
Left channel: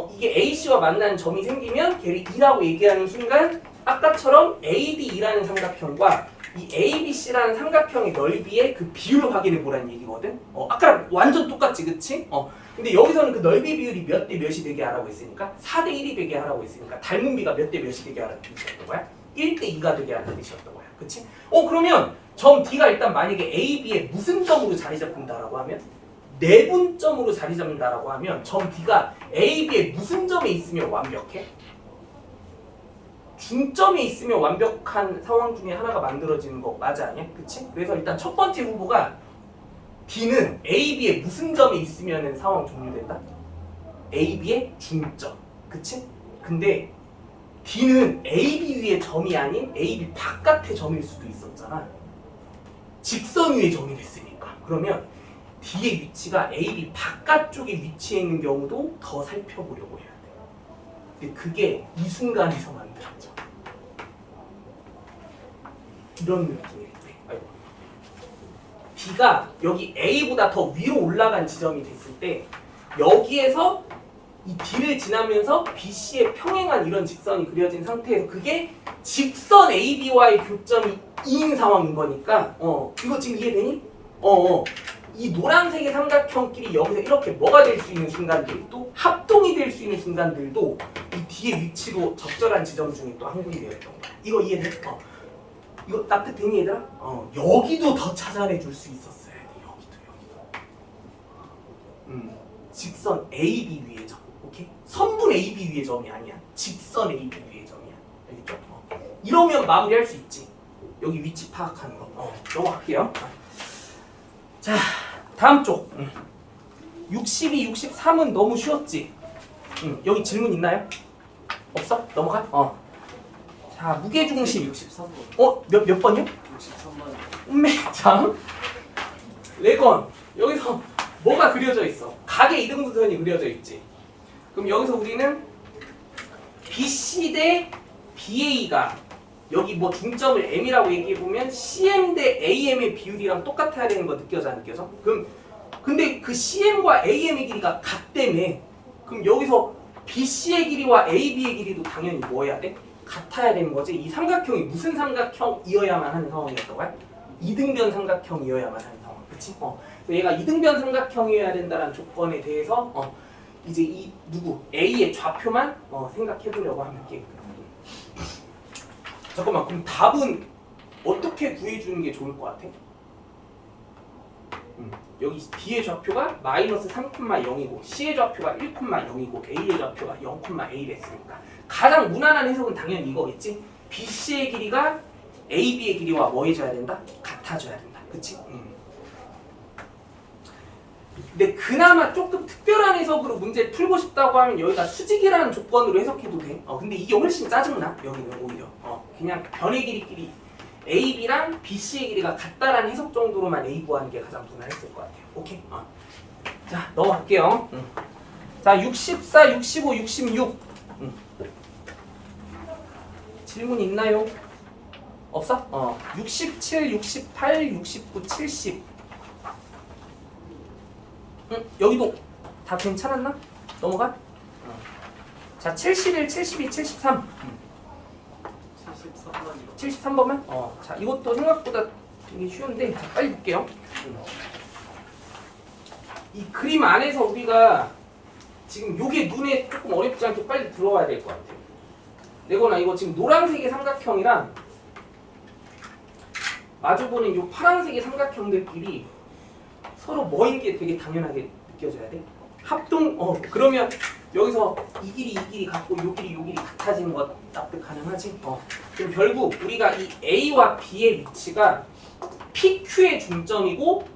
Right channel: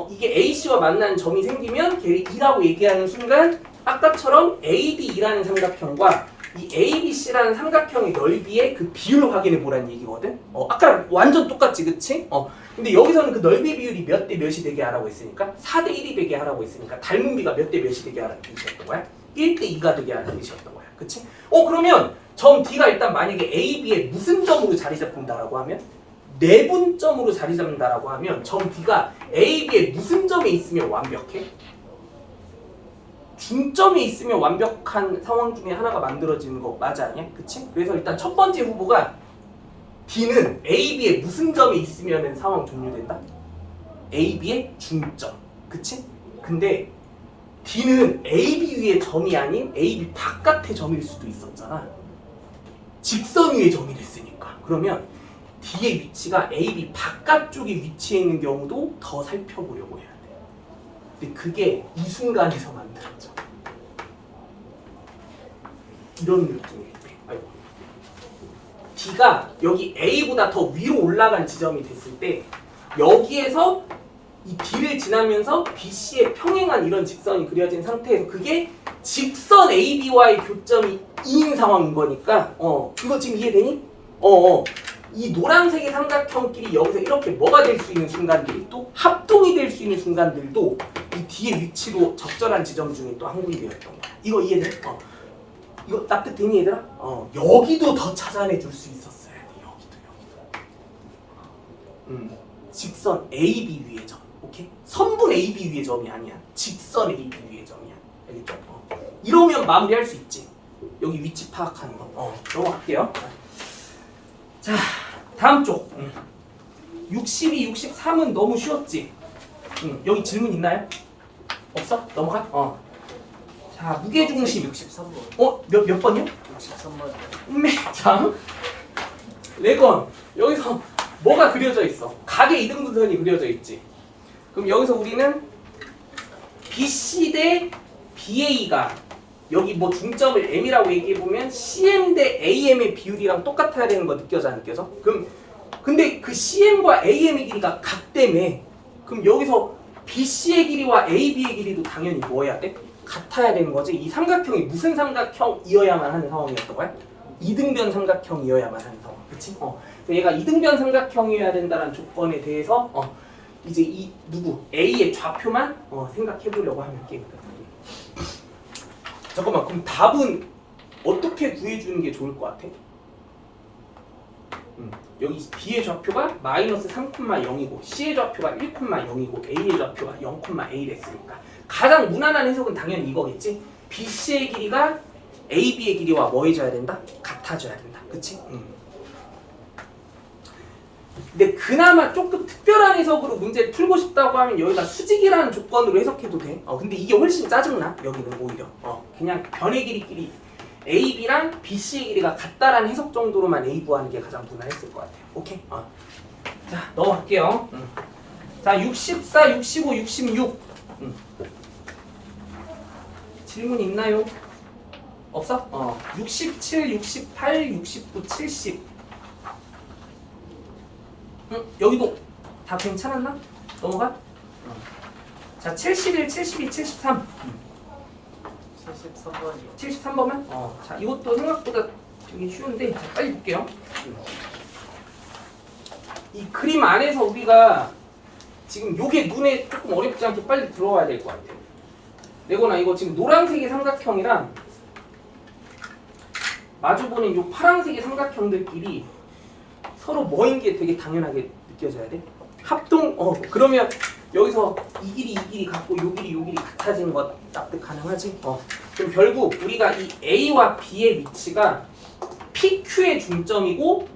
이게 AC와 만나는 점이 생기면 걔를 2라고 얘기하는 순간 아까처럼 ADE라는 삼각형과 이 ABC라는 삼각형의 넓이의 그 비율을 확인해 보라는 얘기거든. 아까랑 완전 똑같지, 그치? 근데 여기서는 그 넓이 비율이 몇 대 몇이 되게 하라고 했으니까 4대 1이 되게 하라고 했으니까 닮은 비가 몇 대 몇이 되게 하라는 뜻이었던 거야. 1대 2가 되게 하라는 뜻이었던 거야, 그치? 그러면 점 D가 일단 만약에 AB의 무슨 점으로 자리 잡는다라고 하면 내분점으로 자리 잡는다라고 하면 점 D가 AB의 무슨 점에 있으면 완벽해? 중점에 있으면 완벽한 상황 중에 하나가 만들어지는 거 맞아 아니야? 그치? 그래서 일단 첫 번째 후보가 D는 AB의 무슨 점에 있으면 상황 종료된다? AB의 중점. 그치? 근데 D는 AB 위의 점이 아닌 AB 바깥의 점일 수도 있었잖아. 직선 위의 점이 됐으니까. 그러면 D의 위치가 AB 바깥쪽에 위치해 있는 경우도 더 살펴보려고 해야 돼. 근데 그게 이 순간에서 만들어져. 이런 느낌이에요. B가 여기 A보다 더 위로 올라간 지점이 됐을 때 여기에서 이 B를 지나면서 BC에 평행한 이런 직선이 그려진 상태에서 그게 직선 AB와의 교점이 2인 상황인 거니까 이거 지금 이해되니? 이 노란색의 삼각형끼리 여기서 이렇게 뭐가 될 수 있는 순간들이 또 합동이 될 수 있는 순간들도 이 뒤에 위치로 적절한 지점 중에 또 한 군데였던 거야. 이거 이해돼? 이거 따뜻해니 얘들아? 여기도 더 찾아내 줄 수 있었어야 돼. 여기도. 직선 AB 위의 점. 오케이? 선분 AB 위의 점이 아니야. 직선 AB 위의 점이야. 알겠죠? 이러면 마무리할 수 있지. 여기 위치 파악하는 거. 넘어갈게요. 자, 다음 쪽. 62, 63은 너무 쉬웠지? 여기 질문 있나요? 없어? 넘어가? 자, 무게중심. 63번. 몇 번이요? 63번이요. 참. 레건. 여기서 뭐가 그려져 있어? 각의 이등분선이 그려져 있지. 그럼 여기서 우리는 BC 대 BA가 여기 뭐 중점을 M이라고 얘기해 보면 CM 대 AM의 비율이랑 똑같아야 되는 거 느껴져 안 느껴져? 그럼 근데 그 CM과 AM의 길이가 같다며. 그럼 여기서 BC의 길이와 AB의 길이도 당연히 뭐 해야 돼? 같아야 되는 거지. 이 삼각형이 무슨 삼각형이어야만 하는 상황이었던 거야? 이등변 삼각형이어야만 하는 상황. 그치? 얘가 이등변 삼각형이어야 된다는 조건에 대해서 이제 이 누구 A의 좌표만 생각해 보려고 하면 게임이다. 잠깐만, 그럼 답은 어떻게 구해주는 게 좋을 것 같아? 여기 B의 좌표가 마이너스 3,0이고 C의 좌표가 1,0이고 A의 좌표가 0,A랬으니까 가장 무난한 해석은 당연히 이거겠지? BC의 길이가 AB의 길이와 뭐 해줘야 된다? 같아져야 된다. 그치? 근데 그나마 조금 특별한 해석으로 문제를 풀고 싶다고 하면 여기다 수직이라는 조건으로 해석해도 돼. 근데 이게 훨씬 짜증나. 여기는 오히려 그냥 변의 길이끼리 AB랑 BC의 길이가 같다라는 해석 정도로만 A 구하는 게 가장 무난했을 것 같아요. 오케이? 자, 넘어갈게요. 자, 64, 65, 66 질문 있나요? 없어? 67, 68, 69, 70 여기도 다 괜찮았나? 넘어가? 자, 71, 72, 73 73번이요. 73번만? 자, 이것도 생각보다 되게 쉬운데 자, 빨리 볼게요. 이 그림 안에서 우리가 지금 요게 눈에 조금 어렵지 않게 빨리 들어와야 될 것 같아요. 내거나 이거 지금 노란색의 삼각형이랑 마주보는 요 파란색의 삼각형들끼리 서로 뭐인 게 되게 당연하게 느껴져야 돼. 합동, 그러면 여기서 이 길이 같고 요 길이 같아진 것 납득 가능하지? 그럼 결국 우리가 이 A와 B의 위치가 PQ의 중점이고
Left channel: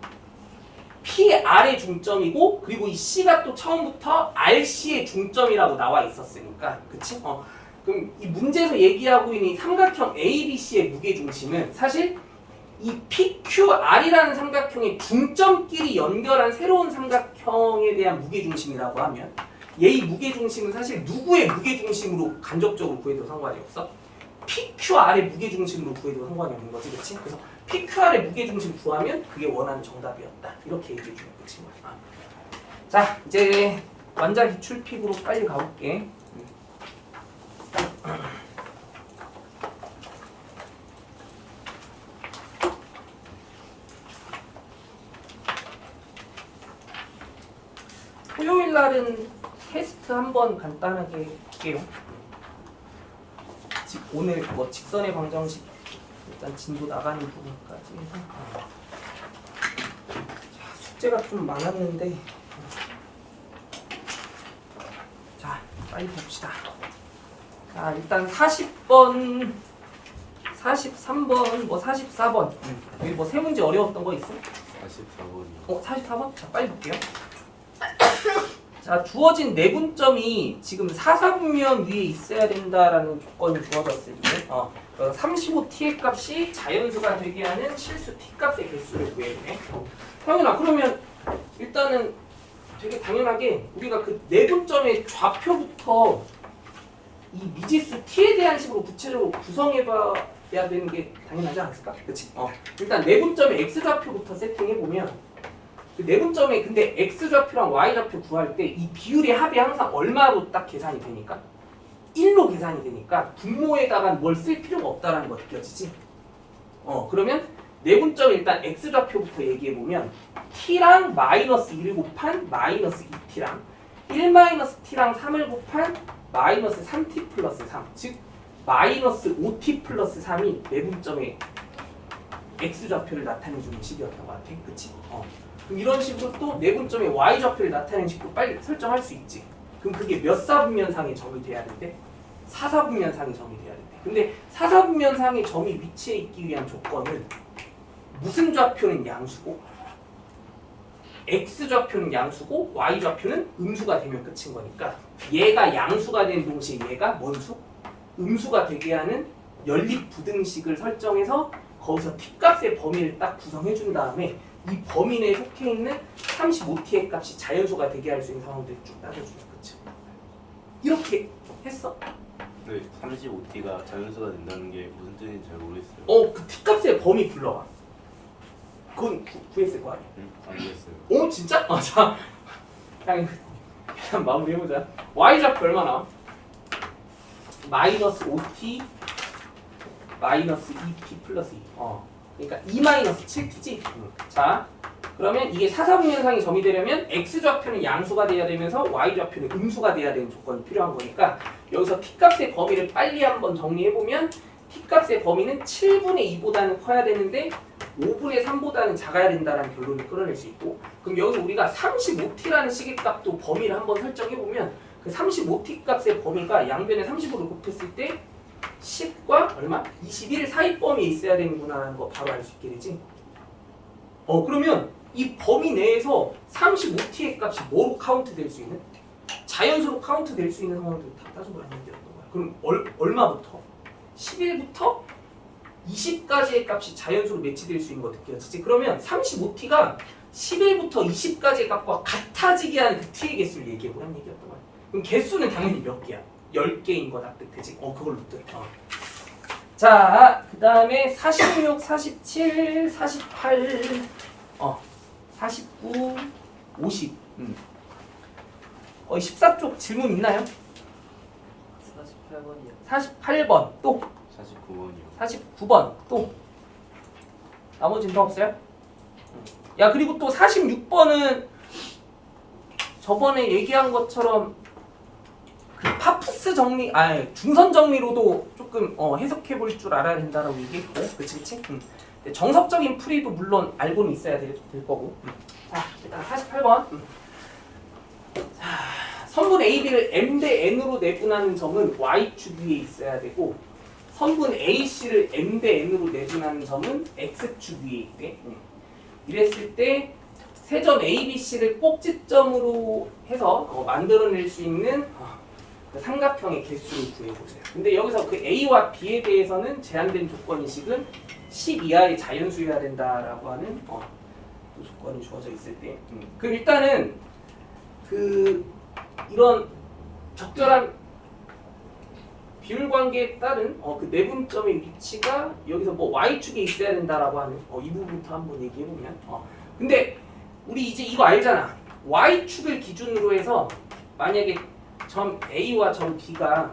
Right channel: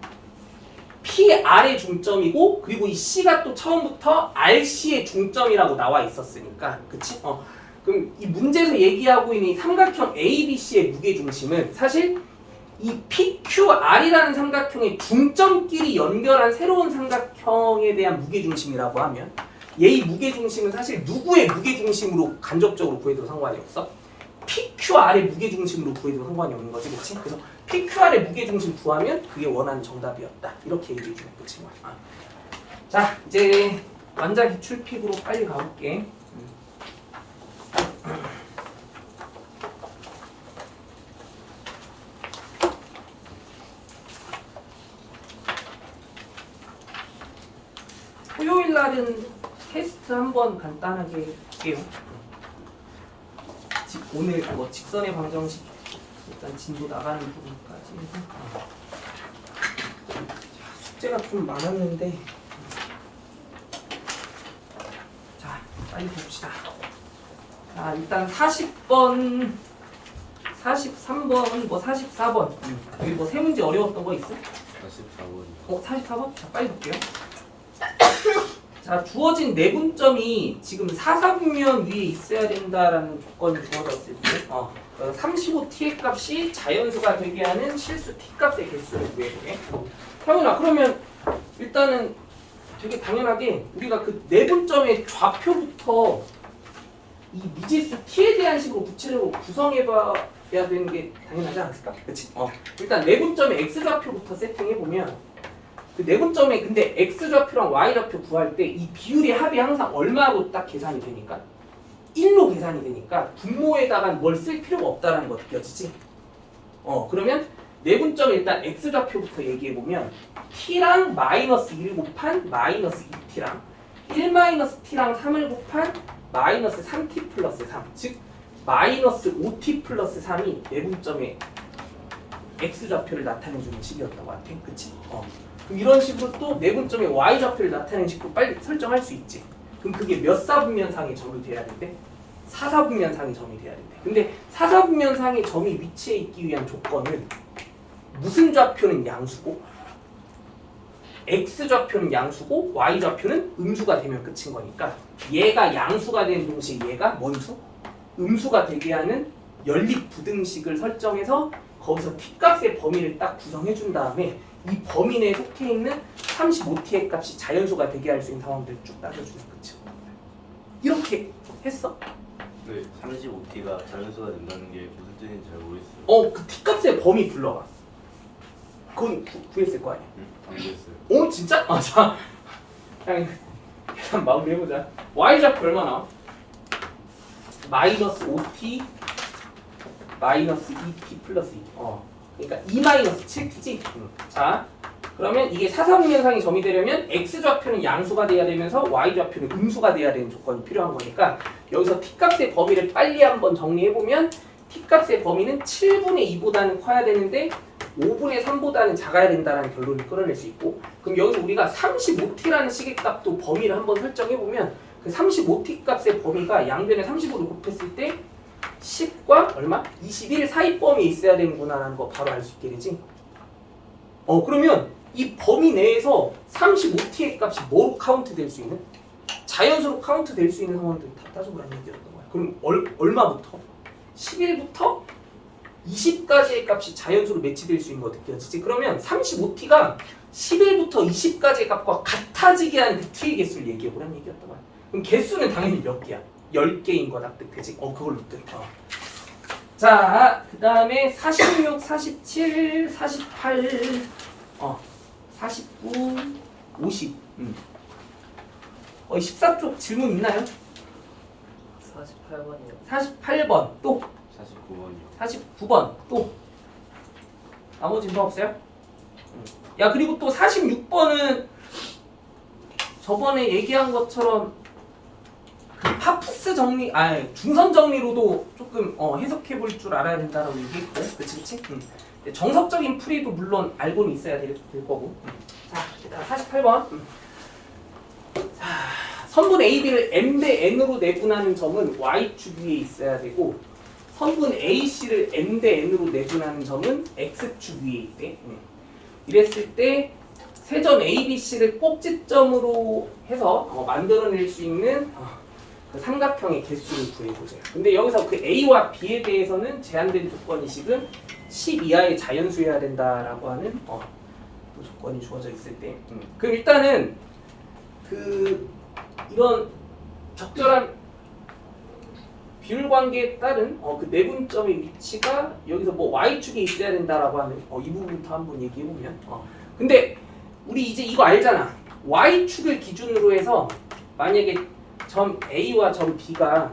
PR의 중점이고 그리고 이 C가 또 처음부터 RC의 중점이라고 나와 있었으니까 그치? 그럼 이 문제에서 얘기하고 있는 이 삼각형 ABC의 무게중심은 사실 이 PQR이라는 삼각형의 중점끼리 연결한 새로운 삼각형에 대한 무게중심이라고 하면 얘의 무게중심은 사실 누구의 무게중심으로 간접적으로 구해도 상관이 없어? PQR의 무게중심으로 구해도 상관이 없는 거지, 그치? 그래서 PQR의 무게중심 구하면 그게 원하는 정답이었다. 이렇게 얘기해 주는 거지. 자, 이제 완자 기출픽으로 빨리 가볼게. 토요일 날은 테스트 한번 간단하게 할게요. 오늘 뭐 직선의 방정식 일단 진도 나가는 부분까지 해서 숙제가 좀 많았는데 자, 빨리 봅시다. 자, 일단 40번, 43번, 뭐 44번 여기 뭐 세 문제 어려웠던 거 있어? 44번. 44번? 자, 빨리 볼게요. 자, 주어진 내분점이 지금 사사분면 위에 있어야 된다라는 조건이 주어졌을 때 35t의 값이 자연수가 되게 하는 실수 t값의 개수를 구해주네. 당연하. 그러면 일단은 되게 당연하게 우리가 그 내분점의 좌표부터 이 미지수 t에 대한 식으로 구체적으로 구성해봐야 되는 게 당연하지 않았을까? 그렇지? 일단 내분점의 x좌표부터 세팅해보면 그 내분점에 근데 x좌표랑 y좌표 구할 때 이 비율의 합이 항상 얼마로 딱 계산이 되니까 1로 계산이 되니까 분모에다가 뭘 쓸 필요가 없다라는 거 느껴지지? 그러면 내분점에 일단 x좌표부터 얘기해보면 t랑 마이너스 1을 곱한 마이너스 2t랑 1 마이너스 t랑 3을 곱한 마이너스 3t 플러스 3, 즉 마이너스 5t 플러스 3이 내분점의 x좌표를 나타내주는 식이었던 것 같아. 그치? 그럼 이런 식으로 또 내분점의 y좌표를 나타내는 식으로 빨리 설정할 수 있지. 그럼 그게 몇 사분면상의 점이 돼야 된대? 4사분면상의 점이 돼야 된대. 근데 4사분면상의 점이 위치해 있기 위한 조건은 무슨 좌표는 양수고 x좌표는 양수고 y좌표는 음수가 되면 끝인 거니까 얘가 양수가 된 동시에 얘가 뭔 수? 음수가 되게 하는 연립 부등식을 설정해서 거기서 t값의 범위를 딱 구성해 준 다음에 이 범위 내에 속해 있는 35t의 값이 자연수가 되게 할 수 있는 상황들을 쭉 따져주면 끝이야. 이렇게 했어? 네, 35T가 자연수가 된다는 게 무슨 뜻인지 잘 모르겠어요. 그 t값의 범위 불러봐. 그건 구했을 거 아니야? 안 됐어요. 진짜? 자, 그냥 계산 마무리해보자. y좌표 얼마나? 마이너스 5t 마이너스 2t 플러스 2. 그러니까 2 마이너스 7t지? 자, 그러면 이게 사사분면상의 점이 되려면 x좌표는 양수가 돼야 되면서 y좌표는 음수가 돼야 되는 조건이 필요한 거니까 여기서 t값의 범위를 빨리 한번 정리해보면 t값의 범위는 7분의 2보다는 커야 되는데 5분의 3보다는 작아야 된다는 결론을 끌어낼 수 있고, 그럼 여기서 우리가 35t라는 식의 값도 범위를 한번 설정해보면 그 35t 값의 범위가 양변에 35를 곱했을 때 10과 얼마? 21 사이 범위에 있어야 되는구나 라는 거 바로 알 수 있게 되지. 그러면 이 범위 내에서 35t의 값이 뭐로 카운트 될 수 있는? 자연수로 카운트 될 수 있는 상황들을 다 따져보라는 얘기였던 거야. 그럼 얼마부터? 11부터 20까지의 값이 자연수로 매치될 수 있는 거 느껴지지? 그러면 35t가 11부터 20까지의 값과 같아지게 하는 그 t의 개수를 얘기해보라는 얘기였던 거야. 그럼 개수는 당연히 몇 개야? 10개인 거 납득되지? 그걸 납득해. 자, 그 다음에 46, 47, 48, 49, 50. 14쪽 질문 있나요? 48번이요. 48번 또 49번이요. 49번 또 나머지는 더 없어요? 야, 그리고 또 46번은 저번에 얘기한 것처럼 그 파푸스 정리, 중선 정리로도 조금 해석해 볼 줄 알아야 된다라고 얘기했고, 그치? 정석적인 풀이도 물론 알고는 있어야 될 거고. 자, 일단 48번. 자, 선분 AB를 m 대 n으로 내분하는 점은 y축 위에 있어야 되고, 선분 AC를 m 대 n으로 내분하는 점은 x축 위에 있대. 이랬을 때 세점 ABC를 꼭지점으로 해서 만들어낼 수 있는 그 삼각형의 개수를 구해보자. 근데 여기서 그 A와 B에 대해서는 제한된 조건이식은 10 이하의 자연수여야 된다라고 하는 그 조건이 주어져 있을 때. 그럼 일단은 그 이런 적절한 비율 관계에 따른 그 내분점의 위치가 여기서 뭐 y축에 있어야 된다라고 하는 이 부분부터 한번 얘기해 보면. 근데 우리 이제 이거 알잖아. y축을 기준으로 해서 만약에 점 A와 점 B가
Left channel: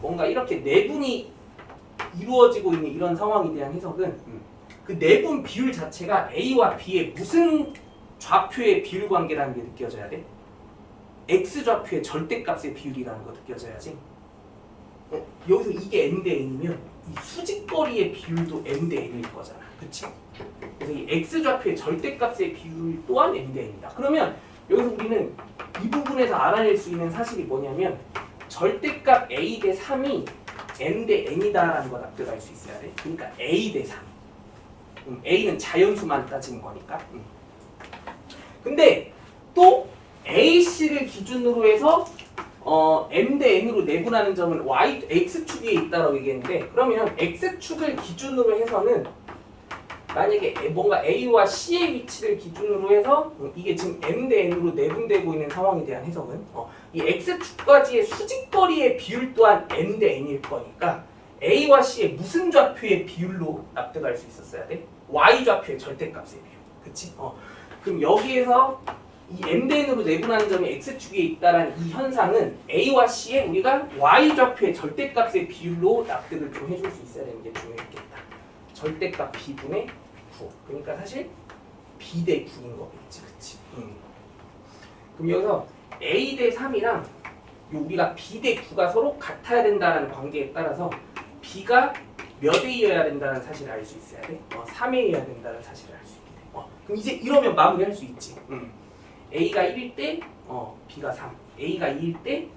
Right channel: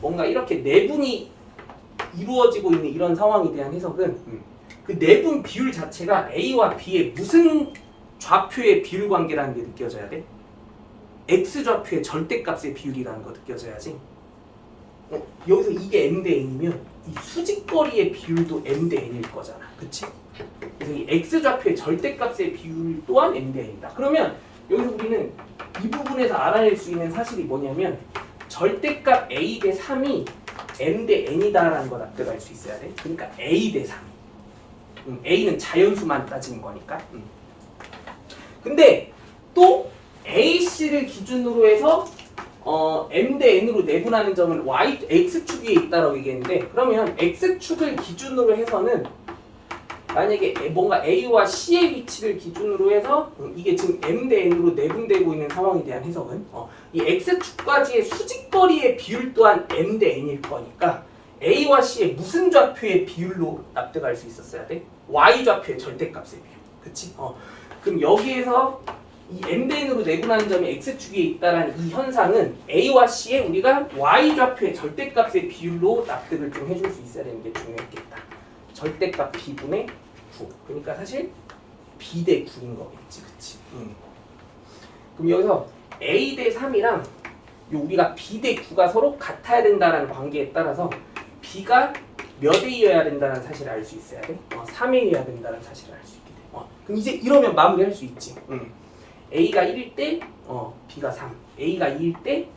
뭔가 이렇게 내분이 이루어지고 있는 이런 상황에 대한 해석은 그 내분 비율 자체가 A와 B의 무슨 좌표의 비율 관계라는 게 느껴져야 돼? X좌표의 절대값의 비율이라는 거 느껴져야지. 여기서 이게 m 대 n이면 이 수직거리의 비율도 m 대 n일 거잖아. 그치? 그래서 이 X좌표의 절대값의 비율 또한 m 대 n이다. 그러면 여기서 우리는 이 부분에서 알아낼 수 있는 사실이 뭐냐면 절대값 a 대 3이 m 대 n이다라는 걸 납득할 수 있어야 돼. 그러니까 a 대 3. a는 자연수만 따지는 거니까. 근데 또 AC를 기준으로 해서 m 대 n으로 내분하는 점은 x축 위에 있다라고 얘기했는데, 그러면 x축을 기준으로 해서는 만약에 뭔가 A와 C의 위치를 기준으로 해서 이게 지금 M 대 N으로 내분되고 있는 상황에 대한 해석은 이 X축까지의 수직거리의 비율 또한 M 대 N일 거니까 A와 C의 무슨 좌표의 비율로 납득할 수 있었어야 돼? Y 좌표의 절대값의 비율. 그치? 그럼 여기에서 이 M 대 N으로 내분하는 점이 X축에 있다라는 이 현상은 A와 C의 우리가 Y 좌표의 절대값의 비율로 납득을 좀 해줄 수 있어야 되는 게 중요했겠다. 절대값 B분의 9. 그러니까 사실 B 대 9인 거겠지. 그치? 그럼 여기서 A 대 3이랑 우리가 B 대 9가 서로 같아야 된다는 관계에 따라서 B가 몇 A여야 된다는 사실을 알 수 있어야 돼. 3A여야 된다는 사실을 알 수 있게 돼. 그럼 이제 이러면 마무리할 수 있지. A가 1일 때 B가 3, A가 2일 때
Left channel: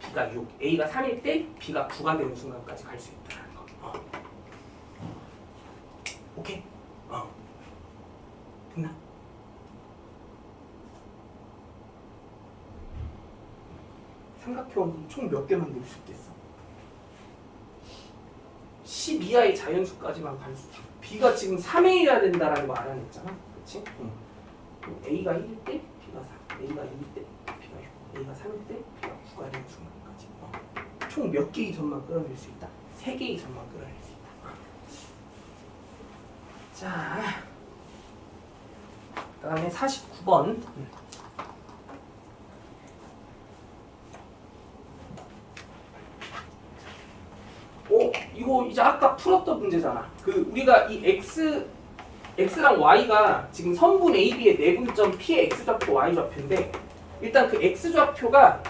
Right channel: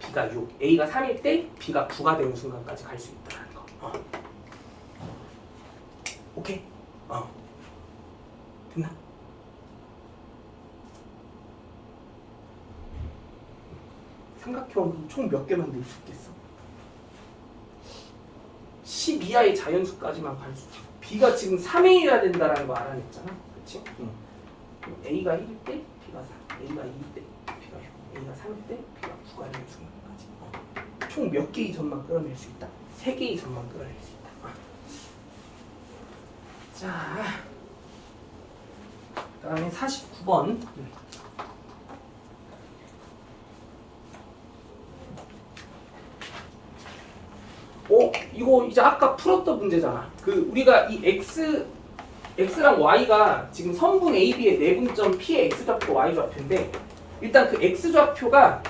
B가 6, A가 3일 때 B가 9가 되는 순간까지 갈 수 있다는 거. 오케이? 됐나? 삼각형 총 몇 개 만들 수 있겠어? 10 이하의 자연수까지만 갈 수 있어. B가 지금 3A여야 된다라는 거 알아냈잖아. 그치? 그럼 A가 1일 때 B가 4, A가 2일 때 B가 6, A가 3일 때 B가 9가 되는 순간까지 총 몇 개의 점만 끌어낼 수 있다? 3개의 점만 끌어낼 수 있다. 자, 그다음에 49번. 이거 이제 아까 풀었던 문제잖아. 우리가 이 x랑 y가 지금 선분 AB의 내분점 P의 x좌표, y좌표인데 일단 그 x좌표가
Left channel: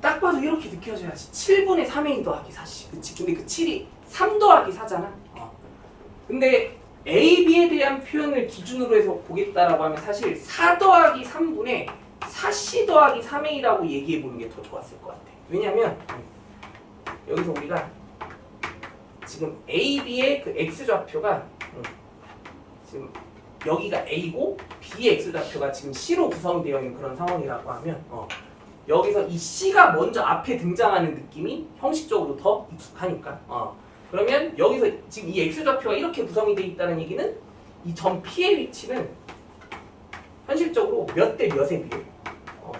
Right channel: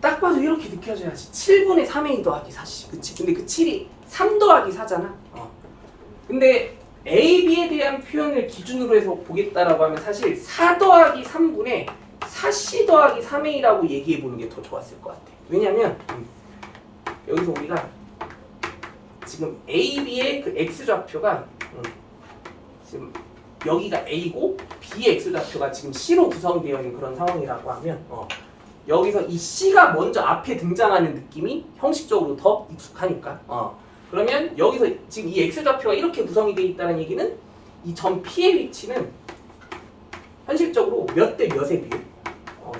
딱 봐도 이렇게 느껴져야지. 7분의 3a 더하기 4씨. 그치? 근데 그 7이 3 더하기 4잖아. 근데 A, B에 대한 표현을 기준으로 해서 보겠다라고 하면 사실 4 더하기 3분의 4C 더하기 3A라고 얘기해 보는 게 더 좋았을 것 같아. 왜냐면 여기서 우리가 지금 A, B의 그 X좌표가 지금 여기가 A고 B의 X좌표가 지금 C로 구성되어 있는 그런 상황이라고 하면 여기서 이 C가 먼저 앞에 등장하는 느낌이 형식적으로 더 익숙하니까 그러면 여기서 지금 이 X좌표가 이렇게 구성이 되어 있다는 얘기는 이 점 P의 위치는 현실적으로 몇 대 몇의 비율?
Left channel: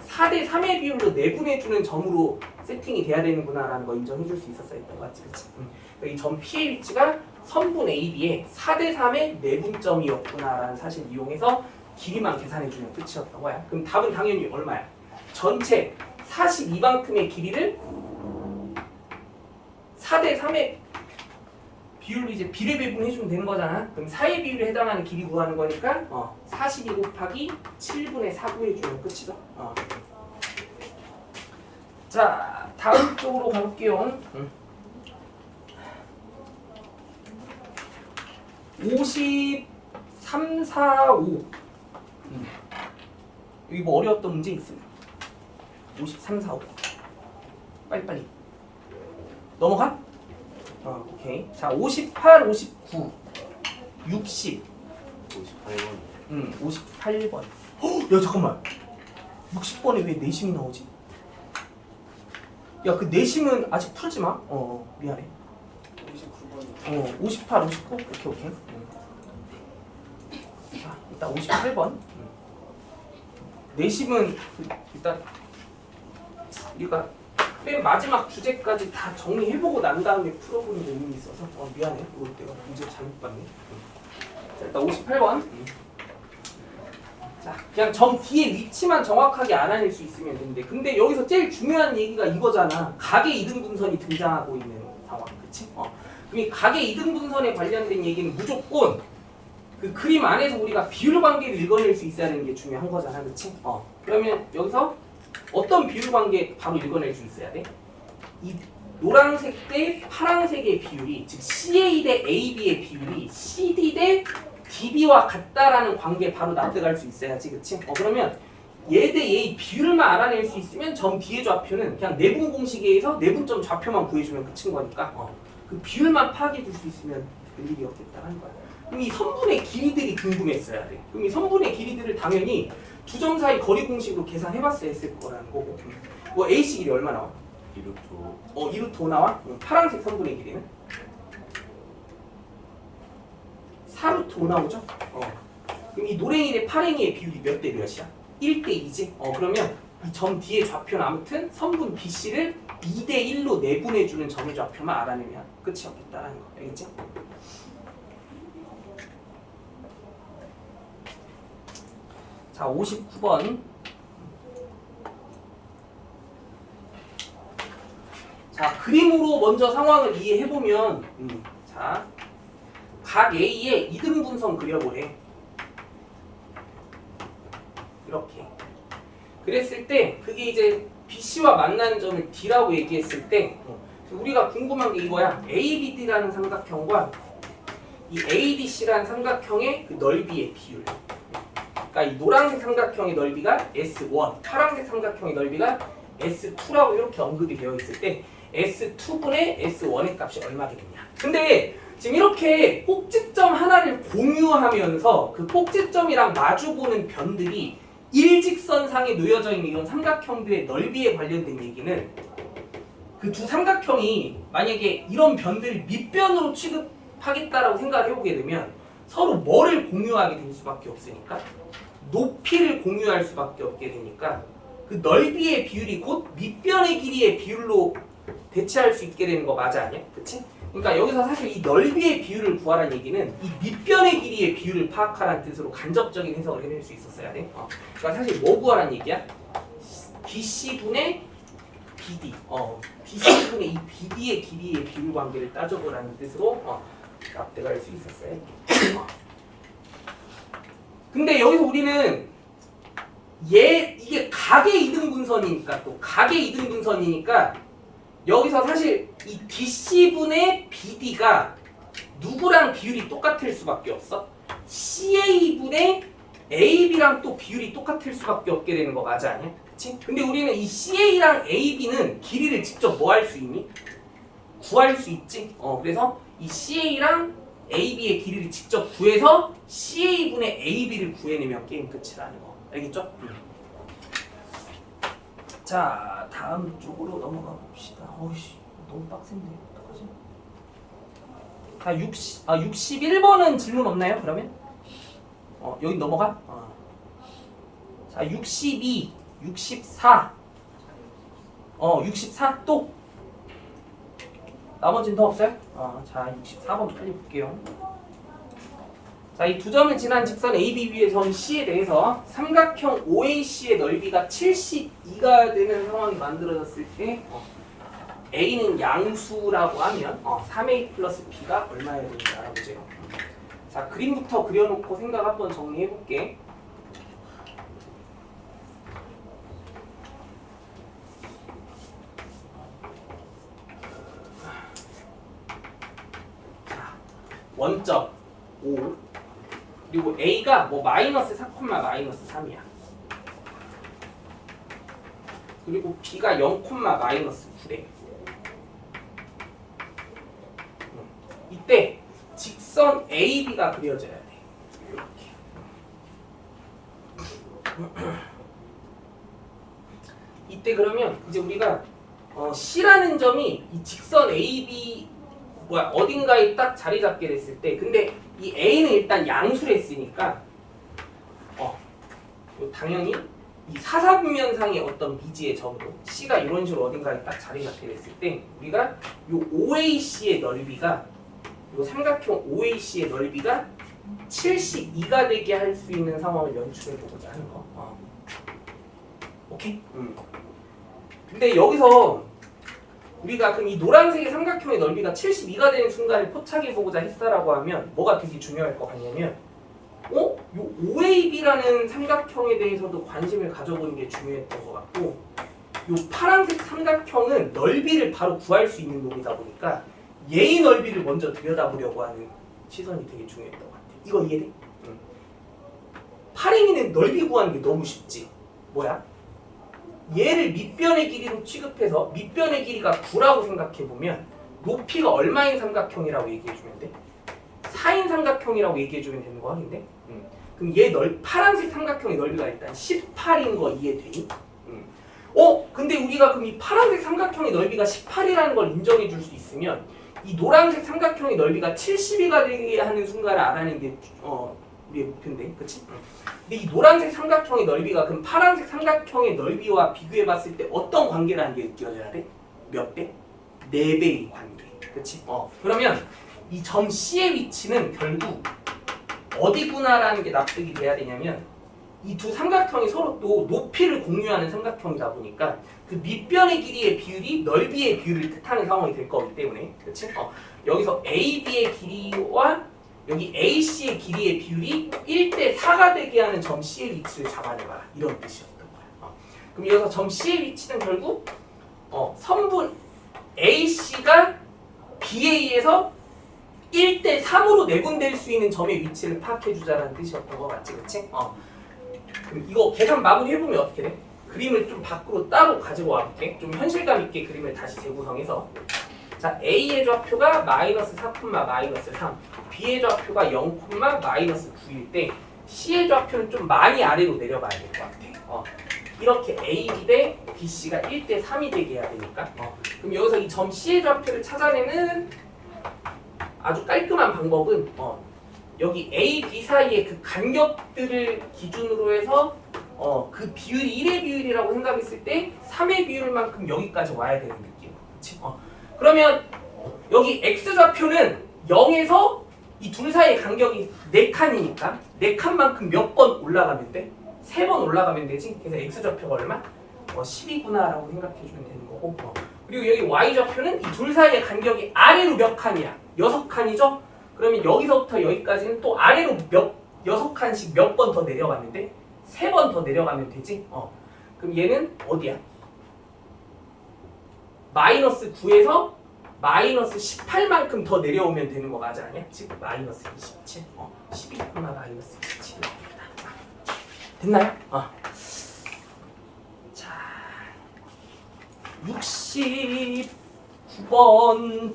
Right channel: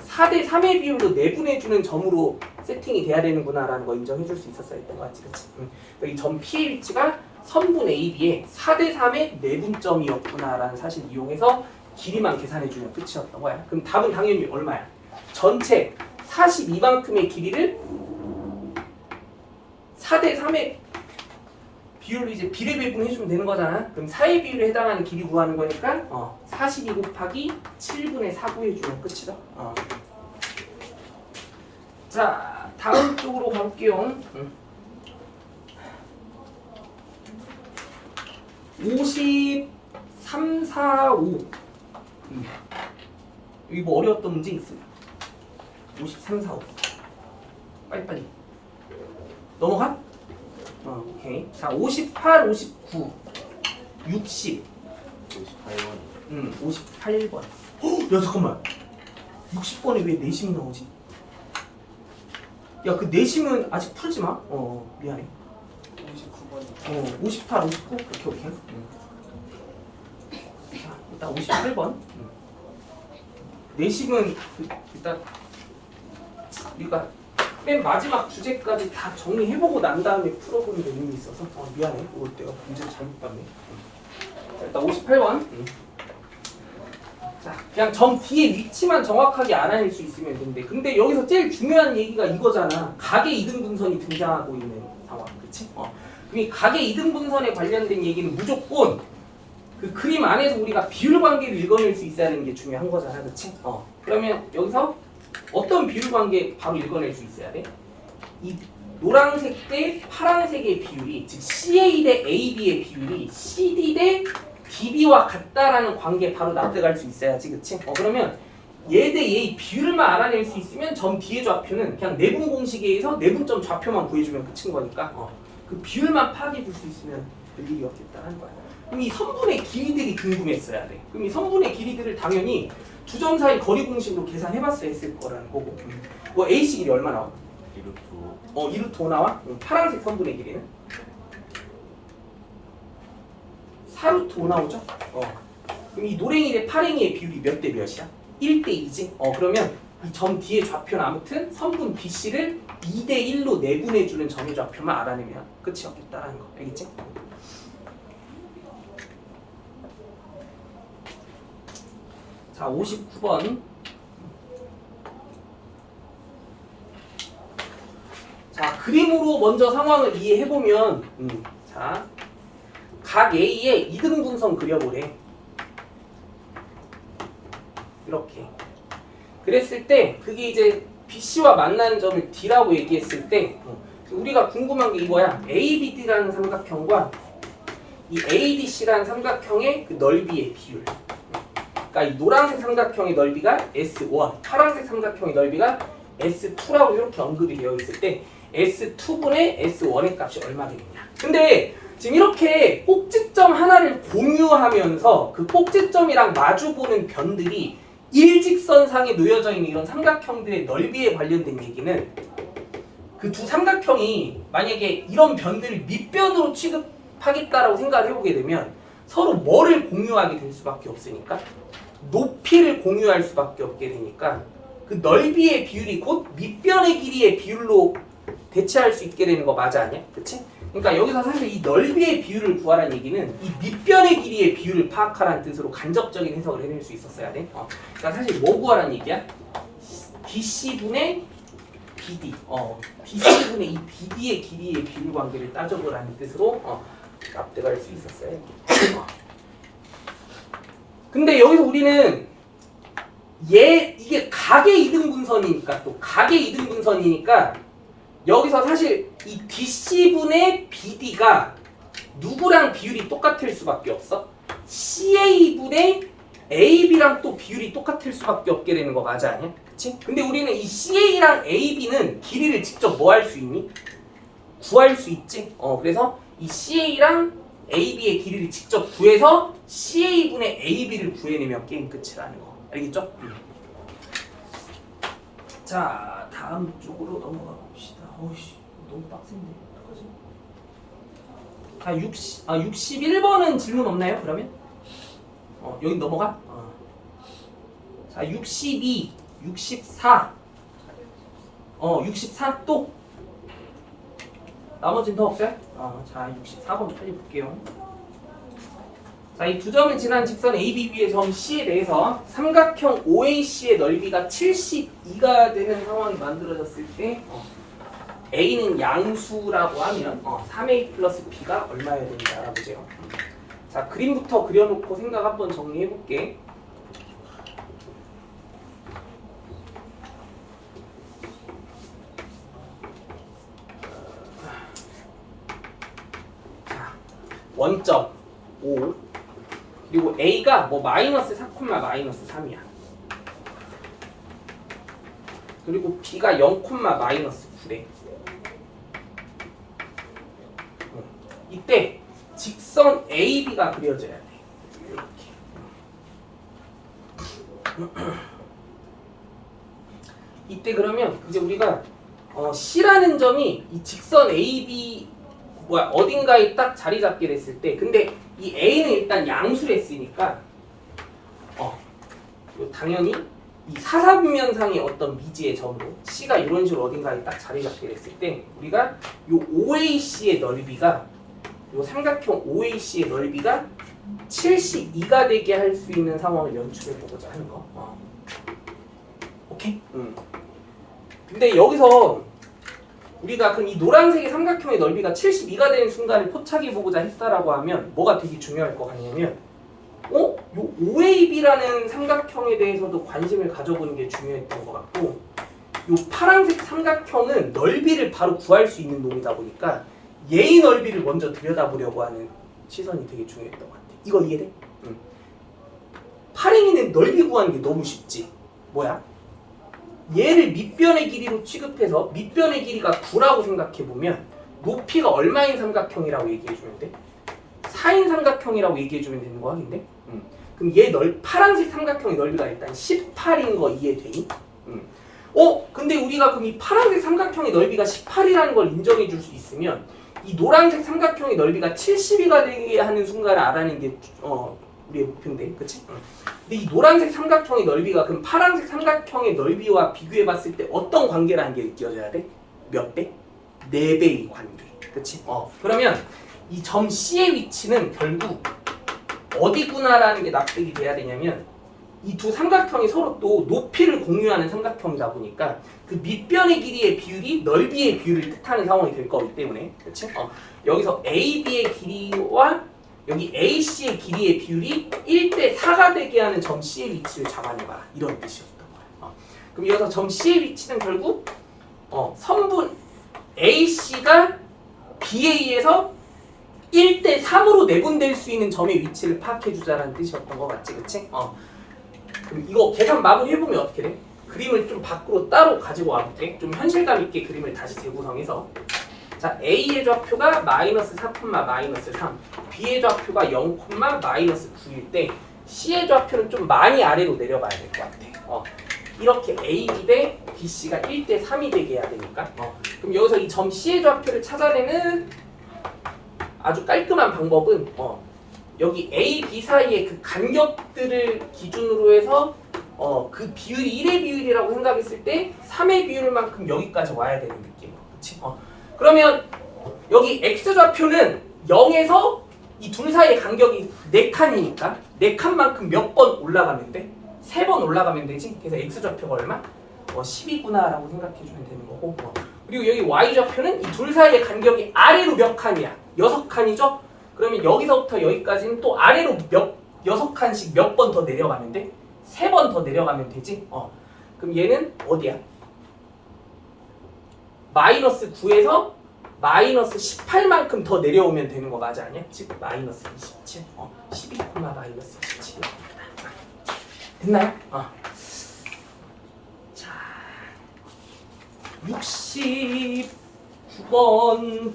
4대 3의 비율로 내분해주는 점으로 세팅이 돼야 되는구나라는 거 인정해줄 수 있었어야 했던 것 같지, 그치? 이 점 P의 위치가 선분 AB의 4대 3의 내분점이었구나라는 사실 이용해서 길이만 계산해주면 끝이었던 거야. 그럼 답은 당연히 얼마야? 전체 42만큼의 길이를 4대 3의 비율로 이제 비례배분 해주면 되는 거잖아. 그럼 4의 비율에 해당하는 길이 구하는 거니까 42 곱하기 7분의 4 구해주면 끝이다. 자, 다음 쪽으로 가볼게요. 53, 4, 5 여기 뭐 어려웠던 문제 있습니다. 53, 4, 5 빨리빨리 넘어가? 오케이. 자, 58, 59 60 58번. 58번. 야, 잠깐만. 60번에 왜 내심이 나오지? 야, 그 내심은 아직 풀지 마. 미안해. 59번이 58, 59. 오케이. 자, 일단 58번. 내심은 일단 우리가 맨 마지막 주제까지 다 정리해보고 난 다음에 풀어보는 의미가 있어서 미안해. 이거 내가 문제 잘못 봤네. 자, 일단 58번. 자, 그냥 점 D의 위치만 정확하게 알아낼 수 있으면 되는데, 근데 여기서 제일 중요한 얘기가 이거잖아. 각의 이등분선이 등장하고 있는 상황, 그치? 그럼 이 각의 이등분선에 관련된 얘기는 무조건 그 그림 안에서 우리가 비율 관계를 읽어낼 수 있어야 되는 게 중요한 거잖아, 그치? 그러면 여기서 어떤 비율 관계 바로 읽어낼 수 있어야 돼? 이 노란색 대 파란색의 비율이, 즉 CA 대 AB의 비율이 CD 대 DB와 같다라는 관계 바로 납득할 수 있어야지, 그치? 그러면 얘 대 얘의 비율만 알아낼 수 있으면 점 D의 좌표는 그냥 내분 공식에 의해서 내분점 좌표만 구해주면 끝인 거니까 그 비율만 파악해 줄 수 있으면 별일이 없겠다는 거야. 그럼 이 선분의 길이들이 궁금했어야 돼. 그럼 이 선분의 길이들을 당연히 두 점 사이 거리 공식으로 계산해봤어야 했을 거라는 거고. 뭐 AC 길이 얼마 나와? 2루트 2루트 5 나와? 파란색 선분의 길이는? 4루트 5 나오죠? 그럼 이 노랭이 대 파랭이의 비율이 몇 대 몇이야? 1대 2지? 그러면 이 점 뒤에 좌표는 아무튼 선분 BC를 2대 1로 내분해주는 점의 좌표만 알아내면 끝이 없겠다라는 거. 알겠지? 자, 59번. 자, 그림으로 먼저 상황을 이해해보면 자, 각 A의 이등분선 그려보래. 이렇게. 그랬을 때 그게 이제 BC와 만나는 점을 D라고 얘기했을 때 우리가 궁금한 게 이거야. ABD라는 삼각형과 이 ADC라는 삼각형의 그 넓이의 비율. 그러니까 이 노란색 삼각형의 넓이가 S1, 파란색 삼각형의 넓이가 S2라고 이렇게 언급이 되어 있을 때 S2분의 S1의 값이 얼마겠냐. 근데 지금 이렇게 꼭지점 하나를 공유하면서 그 꼭지점이랑 마주보는 변들이 일직선상에 놓여져 있는 이런 삼각형들의 넓이에 관련된 얘기는 그 두 삼각형이 만약에 이런 변들을 밑변으로 취급하겠다라고 생각을 해보게 되면 서로 뭐를 공유하게 될 수밖에 없으니까 높이를 공유할 수밖에 없게 되니까 그 넓이의 비율이 곧 밑변의 길이의 비율로 대체할 수 있게 되는 거 맞아 아니야? 그치? 그러니까 여기서 사실 이 넓이의 비율을 구하라는 얘기는 이 밑변의 길이의 비율을 파악하라는 뜻으로 간접적인 해석을 해낼 수 있었어야 돼. 그러니까 사실 뭐 구하라는 얘기야? BC분의 BD. BC분의 이 BD의 길이의 비율 관계를 따져보라는 뜻으로 납득할 수 있었어야 돼. 근데 여기서 우리는 이게 각의 이등분선이니까 또 각의 이등분선이니까 여기서 사실 이 DC분의 BD가 누구랑 비율이 똑같을 수밖에 없어? CA분의 AB랑 또 비율이 똑같을 수밖에 없게 되는 거 맞아 아니야? 그치? 근데 우리는 이 CA랑 AB는 길이를 직접 뭐 할 수 있니? 구할 수 있지? 그래서 이 CA랑 AB의 길이를 직접 구해서 CA분의 AB를 구해내면 게임 끝이라는 거. 알겠죠? 자, 다음 쪽으로 넘어가 봅시다. 어이씨, 너무 빡센데. 어떡하지? 자, 61번은 질문 없나요? 그러면? 여기 넘어가? 자, 62, 64. 64 또. 나머지는 더 없어요? 자, 64번 빨리 볼게요. 자, 이 두 점을 지난 직선 ABB의 점 C에 대해서 삼각형 OAC의 넓이가 72가 되는 상황이 만들어졌을 때 A는 양수라고 하면 3A 플러스 B가 얼마여야 되는지 알아보세요. 자, 그림부터 그려놓고 생각 한번 정리해볼게. 자, 원점 5 그리고 A가 뭐 마이너스 4, 마이너스 3이야. 그리고 B가 0, 마이너스 9래. 이때 직선 AB가 그려져야 돼. 이렇게. 이때 그러면 이제 우리가 C라는 점이 이 직선 AB 어딘가에 딱 자리 잡게 됐을 때, 근데 이 A는 일단 양수를 했으니까 당연히 이 사사분면상의 어떤 미지의 점으로 C가 이런 식으로 어딘가에 딱 자리 잡게 됐을 때 우리가 요 OAC의 넓이가 요 삼각형 OAC의 넓이가 72가 되게 할 수 있는 상황을 연출해 보고자 하는 거. 오케이? 근데 여기서 우리가 그럼 이 노란색의 삼각형의 넓이가 72가 되는 순간을 포착해 보고자 했다라고 하면 뭐가 되게 중요할 것 같냐면 요 OAB라는 삼각형에 대해서도 관심을 가져보는 게 중요했던 것 같고 요 파란색 삼각형은 넓이를 바로 구할 수 있는 놈이다 보니까 얘의 넓이를 먼저 들여다보려고 하는 시선이 되게 중요했던 것 같아. 이거 이해돼? 파랭이는 넓이 구하는 게 너무 쉽지. 뭐야? 얘를 밑변의 길이로 취급해서 밑변의 길이가 9라고 생각해보면 높이가 얼마인 삼각형이라고 얘기해주면 돼? 4인 삼각형이라고 얘기해주면 되는 거 아닌데? 그럼 얘 파란색 삼각형의 넓이가 일단 18인 거 이해되니? 근데 우리가 그럼 이 파란색 삼각형의 넓이가 18이라는 걸 인정해 줄 수 있으면 이 노란색 삼각형의 넓이가 70이가 되게 하는 순간을 알아내는 게 우리의 목표인데, 그치? 근데 이 노란색 삼각형의 넓이가 그럼 파란색 삼각형의 넓이와 비교해봤을 때 어떤 관계라는 게 느껴져야 돼? 몇 배? 4배의 관계, 그치? 그러면 이 점 C의 위치는 결국 어디구나라는 게 납득이 돼야 되냐면 이 두 삼각형이 서로 또 높이를 공유하는 삼각형이다 보니까 그 밑변의 길이의 비율이 넓이의 비율을 뜻하는 상황이 될 거기 때문에, 그렇지? 여기서 AB의 길이와 여기 AC의 길이의 비율이 1대 4가 되게 하는 점 C의 위치를 잡아내봐라, 이런 뜻이었던 거예요. 그럼 여기서 점 C의 위치는 결국 선분 AC가 BA에서 1대 3으로 내분될 수 있는 점의 위치를 파악해주자라는 뜻이었던 거 맞지, 그치? 그럼 이거 계산 마무리 해보면 어떻게 돼? 그림을 좀 밖으로 따로 가지고 와볼게. 좀 현실감 있게 그림을 다시 재구성해서. 자, A의 좌표가 마이너스 4, 마이너스 3, B의 좌표가 0, 마이너스 9일 때 C의 좌표는 좀 많이 아래로 내려가야 될 것 같아. 이렇게 AB 대 BC가 1대 3이 되게 해야 되니까. 그럼 여기서 이 점 C의 좌표를 찾아내는 아주 깔끔한 방법은 여기 A, B 사이의 그 간격들을 기준으로 해서 그 비율이 1의 비율이라고 생각했을 때 3의 비율만큼 여기까지 와야 되는 느낌. 그치? 그러면 여기 X좌표는 0에서 이 둘 사이의 간격이 4칸이니까 4칸만큼 몇 번 올라가면 돼? 3번 올라가면 되지? 그래서 X좌표가 얼마? 10이구나라고 생각해주면 되는 거고. 그리고 여기 Y좌표는 이 둘 사이의 간격이 아래로 몇 칸이야? 6칸이죠? 그러면 여기서부터 여기까지는 또 아래로 6칸씩 몇 번 더 내려가면 돼? 3번 더 내려가면 되지? 그럼 얘는 어디야? 마이너스 9에서 마이너스 18만큼 더 내려오면 되는 거 맞아, 아니야? 즉 마이너스 27. 12, 마이너스 27. 됐나요? 자, 69번,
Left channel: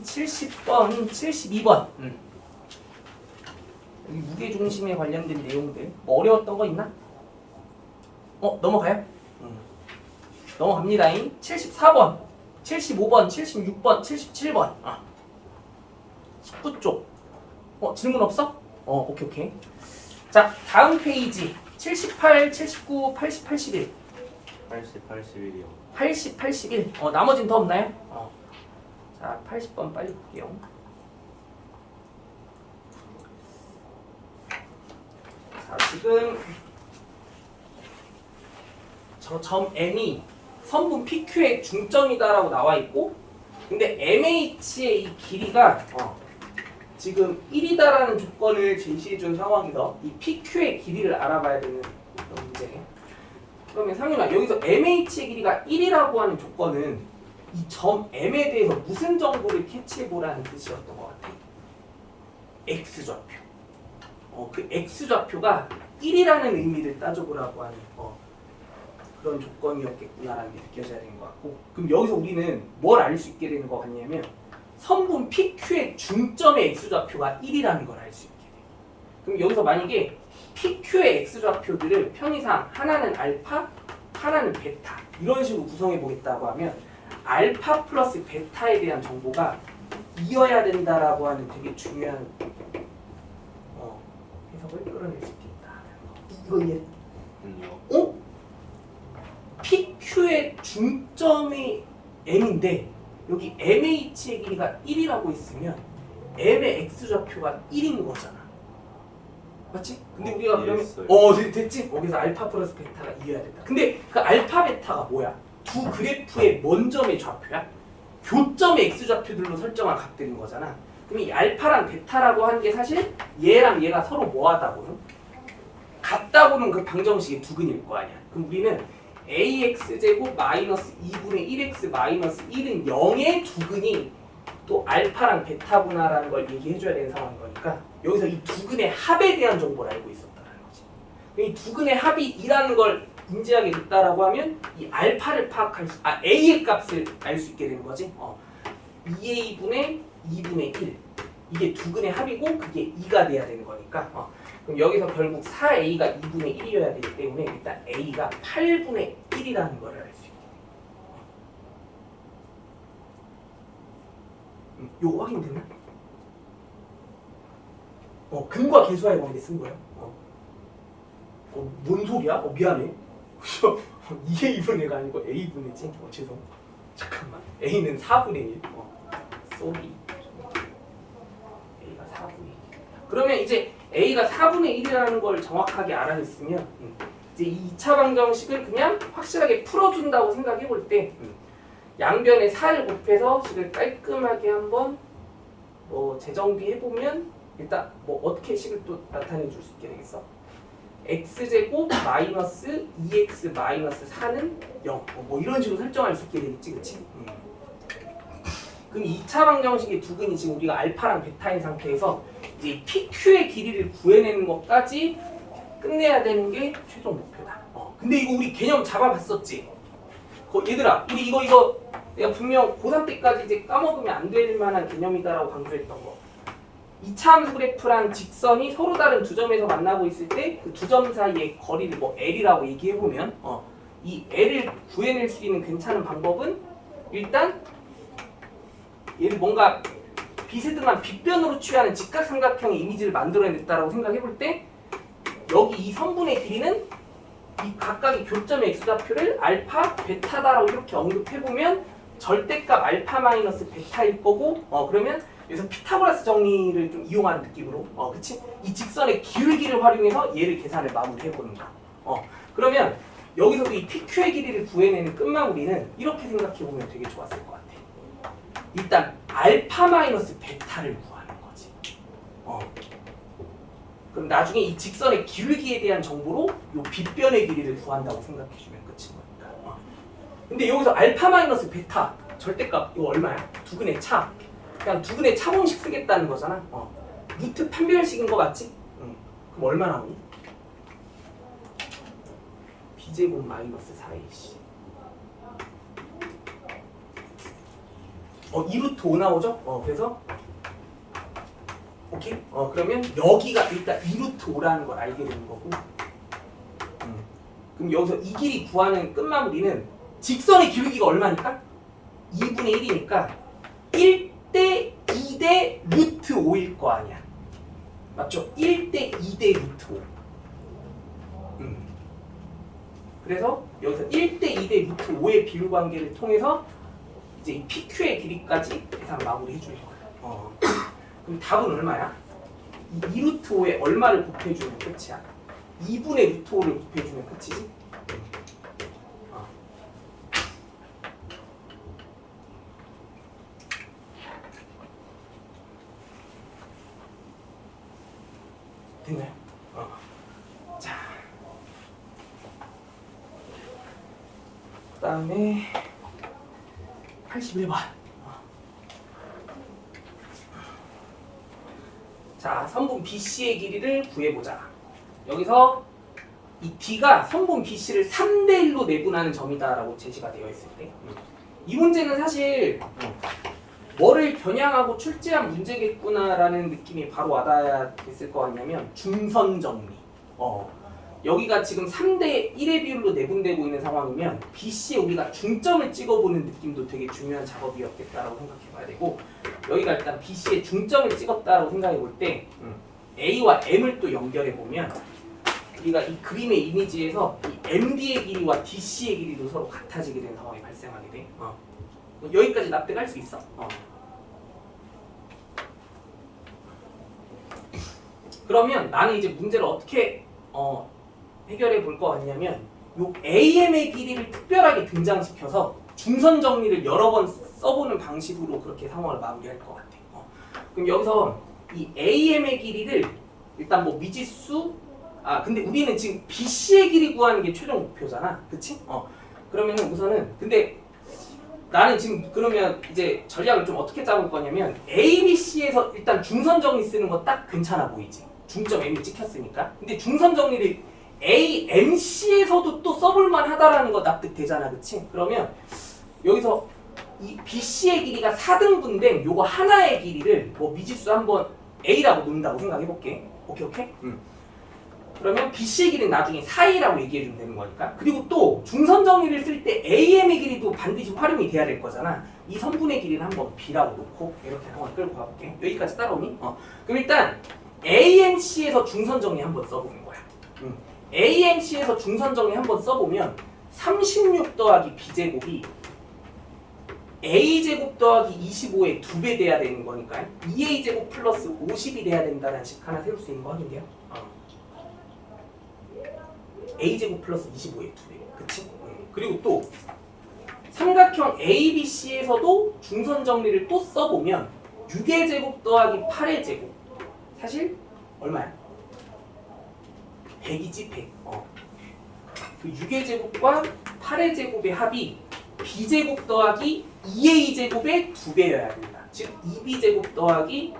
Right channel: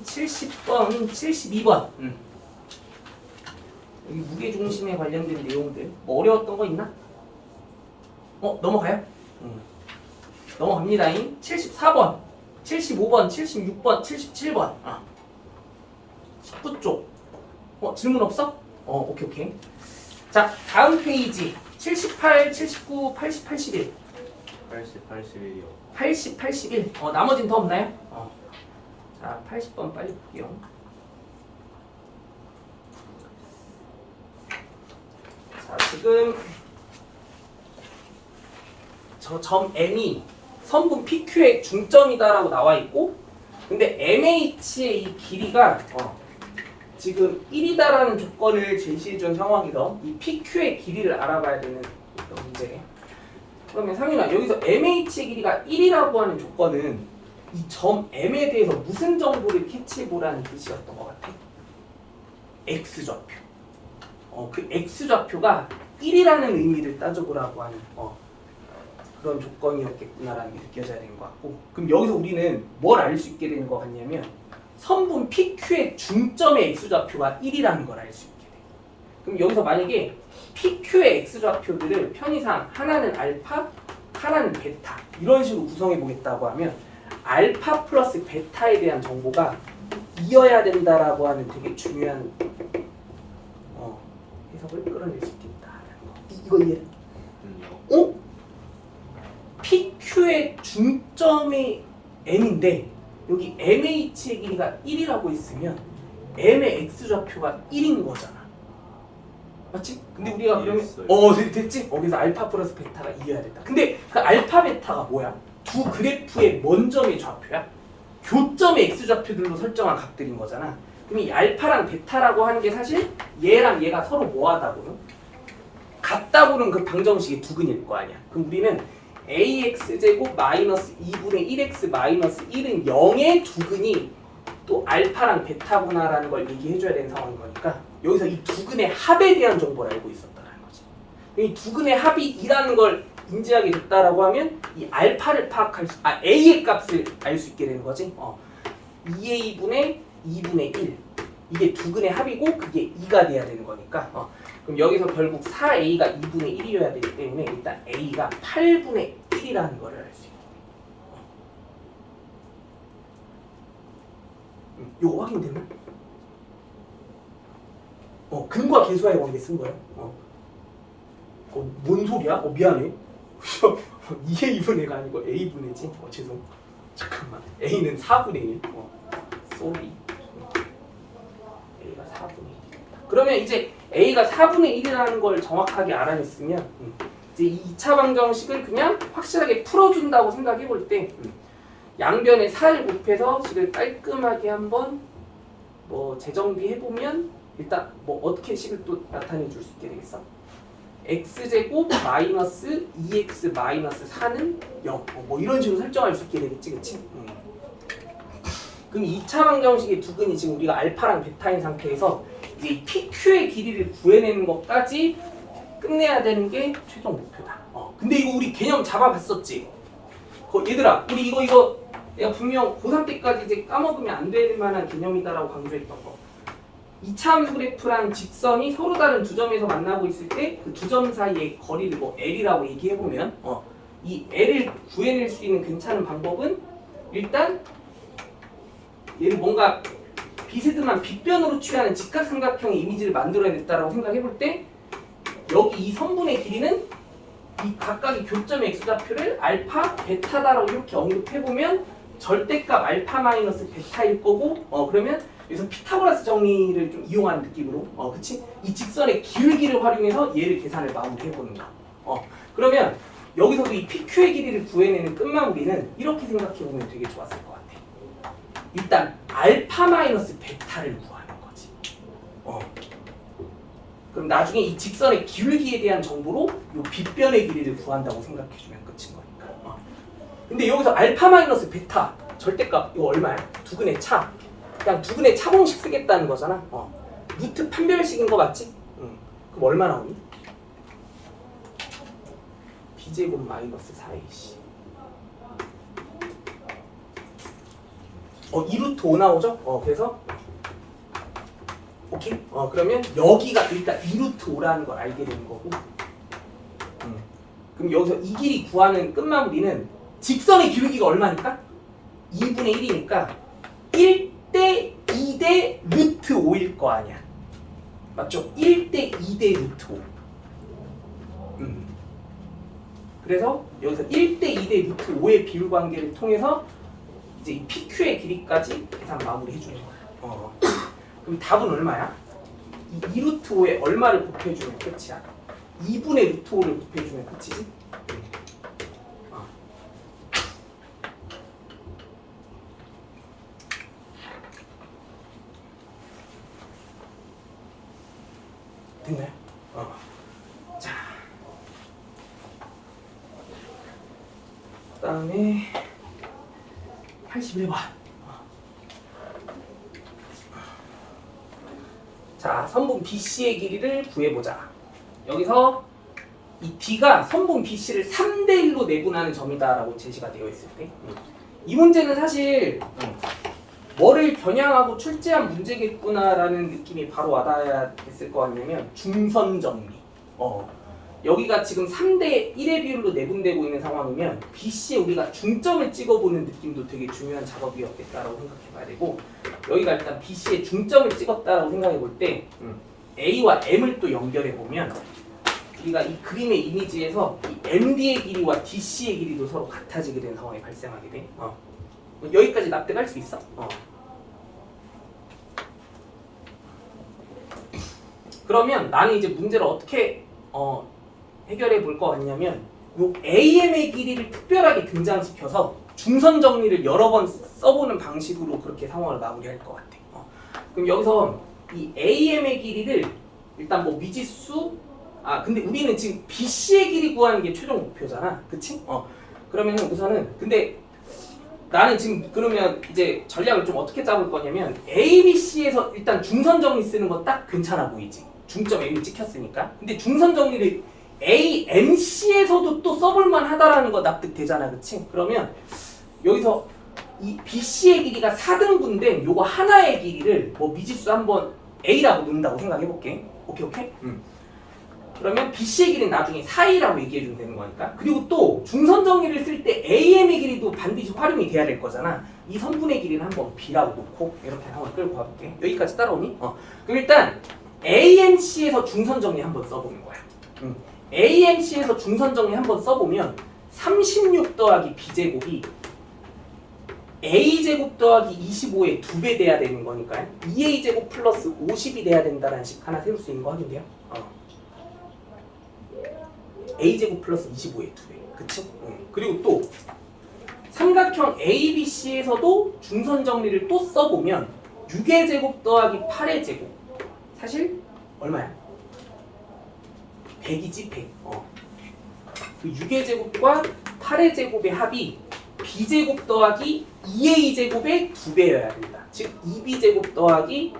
70번, 72번. 여기 무게중심에 관련된 내용들 뭐 어려웠던 거 있나? 넘어가요? 넘어갑니다잉. 74번, 75번, 76번, 77번. 19쪽. 질문 없어? 오케이. 자, 다음 페이지. 78, 79, 80, 81. 80, 81이요. 80, 81. 나머지는 더 없나요? 자, 80번 빨리 볼게요. 자, 지금 저 점 M이 선분 PQ의 중점이다라고 나와 있고, 근데 MH의 이 길이가 지금 1이다라는 조건을 제시해준 상황에서 이 PQ의 길이를 알아봐야 되는 그런 문제네. 그러면 상윤아, 여기서 MH의 길이가 1이라고 하는 조건은 이 점 M에 대해서 무슨 정보를 캐치해보라는 뜻이었던 것 같아? X좌표. 그 X좌표가 1이라는 의미를 따져보라고 하는 그런 조건이었겠구나라는 게 느껴져야 되는 것 같고, 그럼 여기서 우리는 뭘 알 수 있게 되는 것 같냐면 선분 PQ의 중점의 X좌표가 1이라는 걸 알 수 있게 돼요. 그럼 여기서 만약에 PQ의 X좌표들을 편의상 하나는 알파, 하나는 베타 이런 식으로 구성해 보겠다고 하면 알파 플러스 베타에 대한 정보가 이어야 된다라고 하는 되게 중요한 해석을 끌어낼 수 있겠다. 이거 이해? PQ의 중점이 M인데 여기 MH의 길이가 1이라고 했으면 M의 X좌표가 1인 거잖아. 맞지? 근데 우리가 그러면 됐지? 그래서 알파 플러스 베타가 이해해야 된다. 근데 그 알파 베타가 뭐야? 두 그래프의 먼 점의 좌표야? 교점의 X좌표들로 설정한 값들인 거잖아. 그럼 이 알파랑 베타라고 하는 게 사실 얘랑 얘가 서로 뭐하다고는? 같다고는 그 방정식의 두근일 거 아니야. 그럼 우리는 AX제곱 마이너스 2분의 1X 마이너스 1은 0의 두근이 또 알파랑 베타구나라는 걸 얘기해줘야 되는 상황인 거니까 여기서 이 두근의 합에 대한 정보를 알고 있었다라는 거지. 이 두근의 합이 2라는 걸 인지하게 됐다라고 하면 이 알파를 A의 값을 알 수 있게 되는 거지. 2A분의 2분의 1 이게 두근의 합이고 그게 2가 돼야 되는 거니까 그럼 여기서 결국 4A가 2분의 1이어야 되기 때문에 일단 A가 8분의 1이라는 걸 알 수 있게. 요거 확인됐나? 근과 계수와의 관계 쓴 거야. 뭔 소리야? 미안해. 2a분의 1가 아니고 a분의 1지? 죄송. 잠깐만. a는 4분의 1. 쏘리. a가 4분의 1. 그러면 이제 a가 4분의 1이라는 걸 정확하게 알아냈으면 이제 이 2차 방정식을 그냥 확실하게 풀어준다고 생각해 볼 때 양변에 4를 곱해서 식을 깔끔하게 한번 재정비해 보면 일단 어떻게 식을 또 나타내 줄 수 있게 되겠어? x제곱 마이너스 2x 마이너스 4는 0 이런 식으로 설정할 수 있게 되겠지, 그치? 그럼 2차 방정식의 두근이 지금 우리가 알파랑 베타인 상태에서 이제 이 PQ의 길이를 구해내는 것까지 끝내야 되는 게 최종 목표다. 근데 이거 우리 개념 잡아봤었지? 얘들아, 우리 이거 내가 분명 고3 때까지 이제 까먹으면 안 될 만한 개념이다라고 강조했던 거. 2차함수 그래프랑 직선이 서로 다른 두 점에서 만나고 있을 때 그 두 점 사이의 거리를 L이라고 얘기해보면 이 L을 구해낼 수 있는 괜찮은 방법은 일단 얘를 뭔가 비스듬한 빗변으로 취하는 직각삼각형의 이미지를 만들어냈다라고 생각해볼 때 여기 이 선분의 길이는 이 각각의 교점의 x좌표를 알파, 베타다라고 이렇게 언급해보면 절대값 알파 마이너스 베타일 거고 그러면 여기서 피타고라스 정리를 좀 이용하는 느낌으로 그치? 이 직선의 기울기를 활용해서 얘를 계산을 마무리해보는 거야. 그러면 여기서도 이 PQ의 길이를 구해내는 끝마무리는 이렇게 생각해보면 되게 좋았을 것 같아. 일단 알파 마이너스 베타를 구하는 거지. 그럼 나중에 이 직선의 기울기에 대한 정보로 이 빗변의 길이를 구한다고 생각해주면 끝인 거니까. 근데 여기서 알파 마이너스 베타 절대값 이거 얼마야? 두근의 차. 그냥 두근의 차 공식 쓰겠다는 거잖아. 루트 판별식인 거 맞지? 그럼 얼마 나오니? b제곱 마이너스 4ac 2루트 5 나오죠? 그래서 오케이? 그러면 여기가 일단 2루트 5라는 걸 알게 되는 거고 그럼 여기서 이 길이 구하는 끝마무리는 직선의 기울기가 얼마니까? 2분의 1이니까 1대 2대 루트 5일 거 아니야. 맞죠? 1대 2대 루트 5. 그래서 여기서 1대 2대 루트 5의 비율 관계를 통해서 이제 이 PQ의 길이까지 계산 마무리 해주는 거야. 그럼 답은 얼마야? 이 2루트 5에 얼마를 곱해주면 끝이야? 2분의 루트 5를 곱해주면 끝이지? 됐네. 자, 그 다음에 81번. 자, 선분 BC의 길이를 구해보자. 여기서 이 D가 선분 BC를 3대 1로 내분하는 점이다라고 제시가 되어 있을 때 이 문제는 사실 뭐를 겨냥하고 출제한 문제겠구나라는 느낌이 바로 와닿아야 됐을 거 아니냐면 중선 정리. 여기가 지금 3대 1의 비율로 내분되고 있는 상황이면 BC에 우리가 중점을 찍어보는 느낌도 되게 중요한 작업이었겠다라고 생각해봐야 되고 여기가 일단 BC에 중점을 찍었다라고 생각해볼 때 A와 M을 또 연결해보면 우리가 이 그림의 이미지에서 이 MD의 길이와 DC의 길이도 서로 같아지게 되는 상황이 발생하게 돼. 여기까지 납득할 수 있어? 그러면 나는 이제 문제를 어떻게 해결해 볼 거 같냐면 요 AM의 길이를 특별하게 등장시켜서 중선 정리를 여러 번 써보는 방식으로 그렇게 상황을 마무리할 것 같아. 그럼 여기서 이 AM의 길이를 일단 뭐 미지수 근데 우리는 지금 BC의 길이 구하는 게 최종 목표잖아, 그치? 그러면은 우선은 근데 나는 지금 그러면 이제 전략을 좀 어떻게 짜볼 거냐면 A, B, C에서 일단 중선 정리 쓰는 거 딱 괜찮아 보이지? 중점 M이 찍혔으니까. 근데 중선 정리를 A, M, C에서도 또 써볼만 하다라는 거 납득되잖아, 그치? 그러면 여기서 이 BC의 길이가 4등분된 요거 하나의 길이를 뭐 미지수 한번 A라고 놓는다고 생각해볼게. 오케이? 그러면 BC의 길이는 나중에 4A라고 얘기해주면 되는 거니까. 그리고 또 중선 정리를 쓸 때 AM의 길이도 반드시 활용이 돼야 될 거잖아. 이 선분의 길이는 한번 B라고 놓고 이렇게 한번 끌고 가볼게. 여기까지 따라오니? 그럼 일단 AMC에서 중선 정리 한번 써보는 거야. AMC에서 중선 정리 한번 써보면 36 더하기 B제곱이 A제곱 더하기 25의 2배 돼야 되는 거니까 2A제곱 플러스 50이 돼야 된다는 식 하나 세울 수 있는 거 확인돼요? A제곱 플러스 25의 2배. 그치? 그리고 또 삼각형 ABC에서도 중선 정리를 또 써보면 6의 제곱 더하기 8의 제곱 사실 얼마야? 100이지 100. 그 6의 제곱과 8의 제곱의 합이 B제곱 더하기 2A제곱의 2배여야 됩니다. 즉 2B제곱 더하기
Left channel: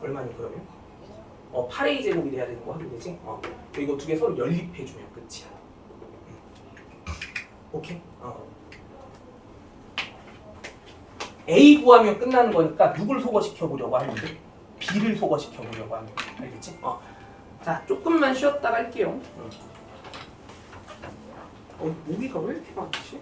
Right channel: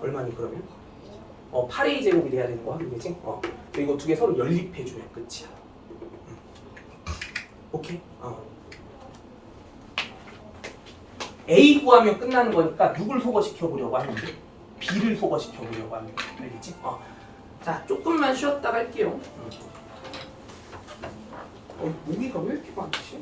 얼마니 그러면? 8A제곱이 돼야 되는 거 확인되지? 이거 두 개 서로 연립해주면 끝이야. 오케이? A 구하면 끝나는 거니까 누굴 소거시켜보려고 하는데 B를 소거시켜보려고 하는 거 알겠지? 자, 조금만 쉬었다 갈게요. 모기가 왜 이렇게 많지?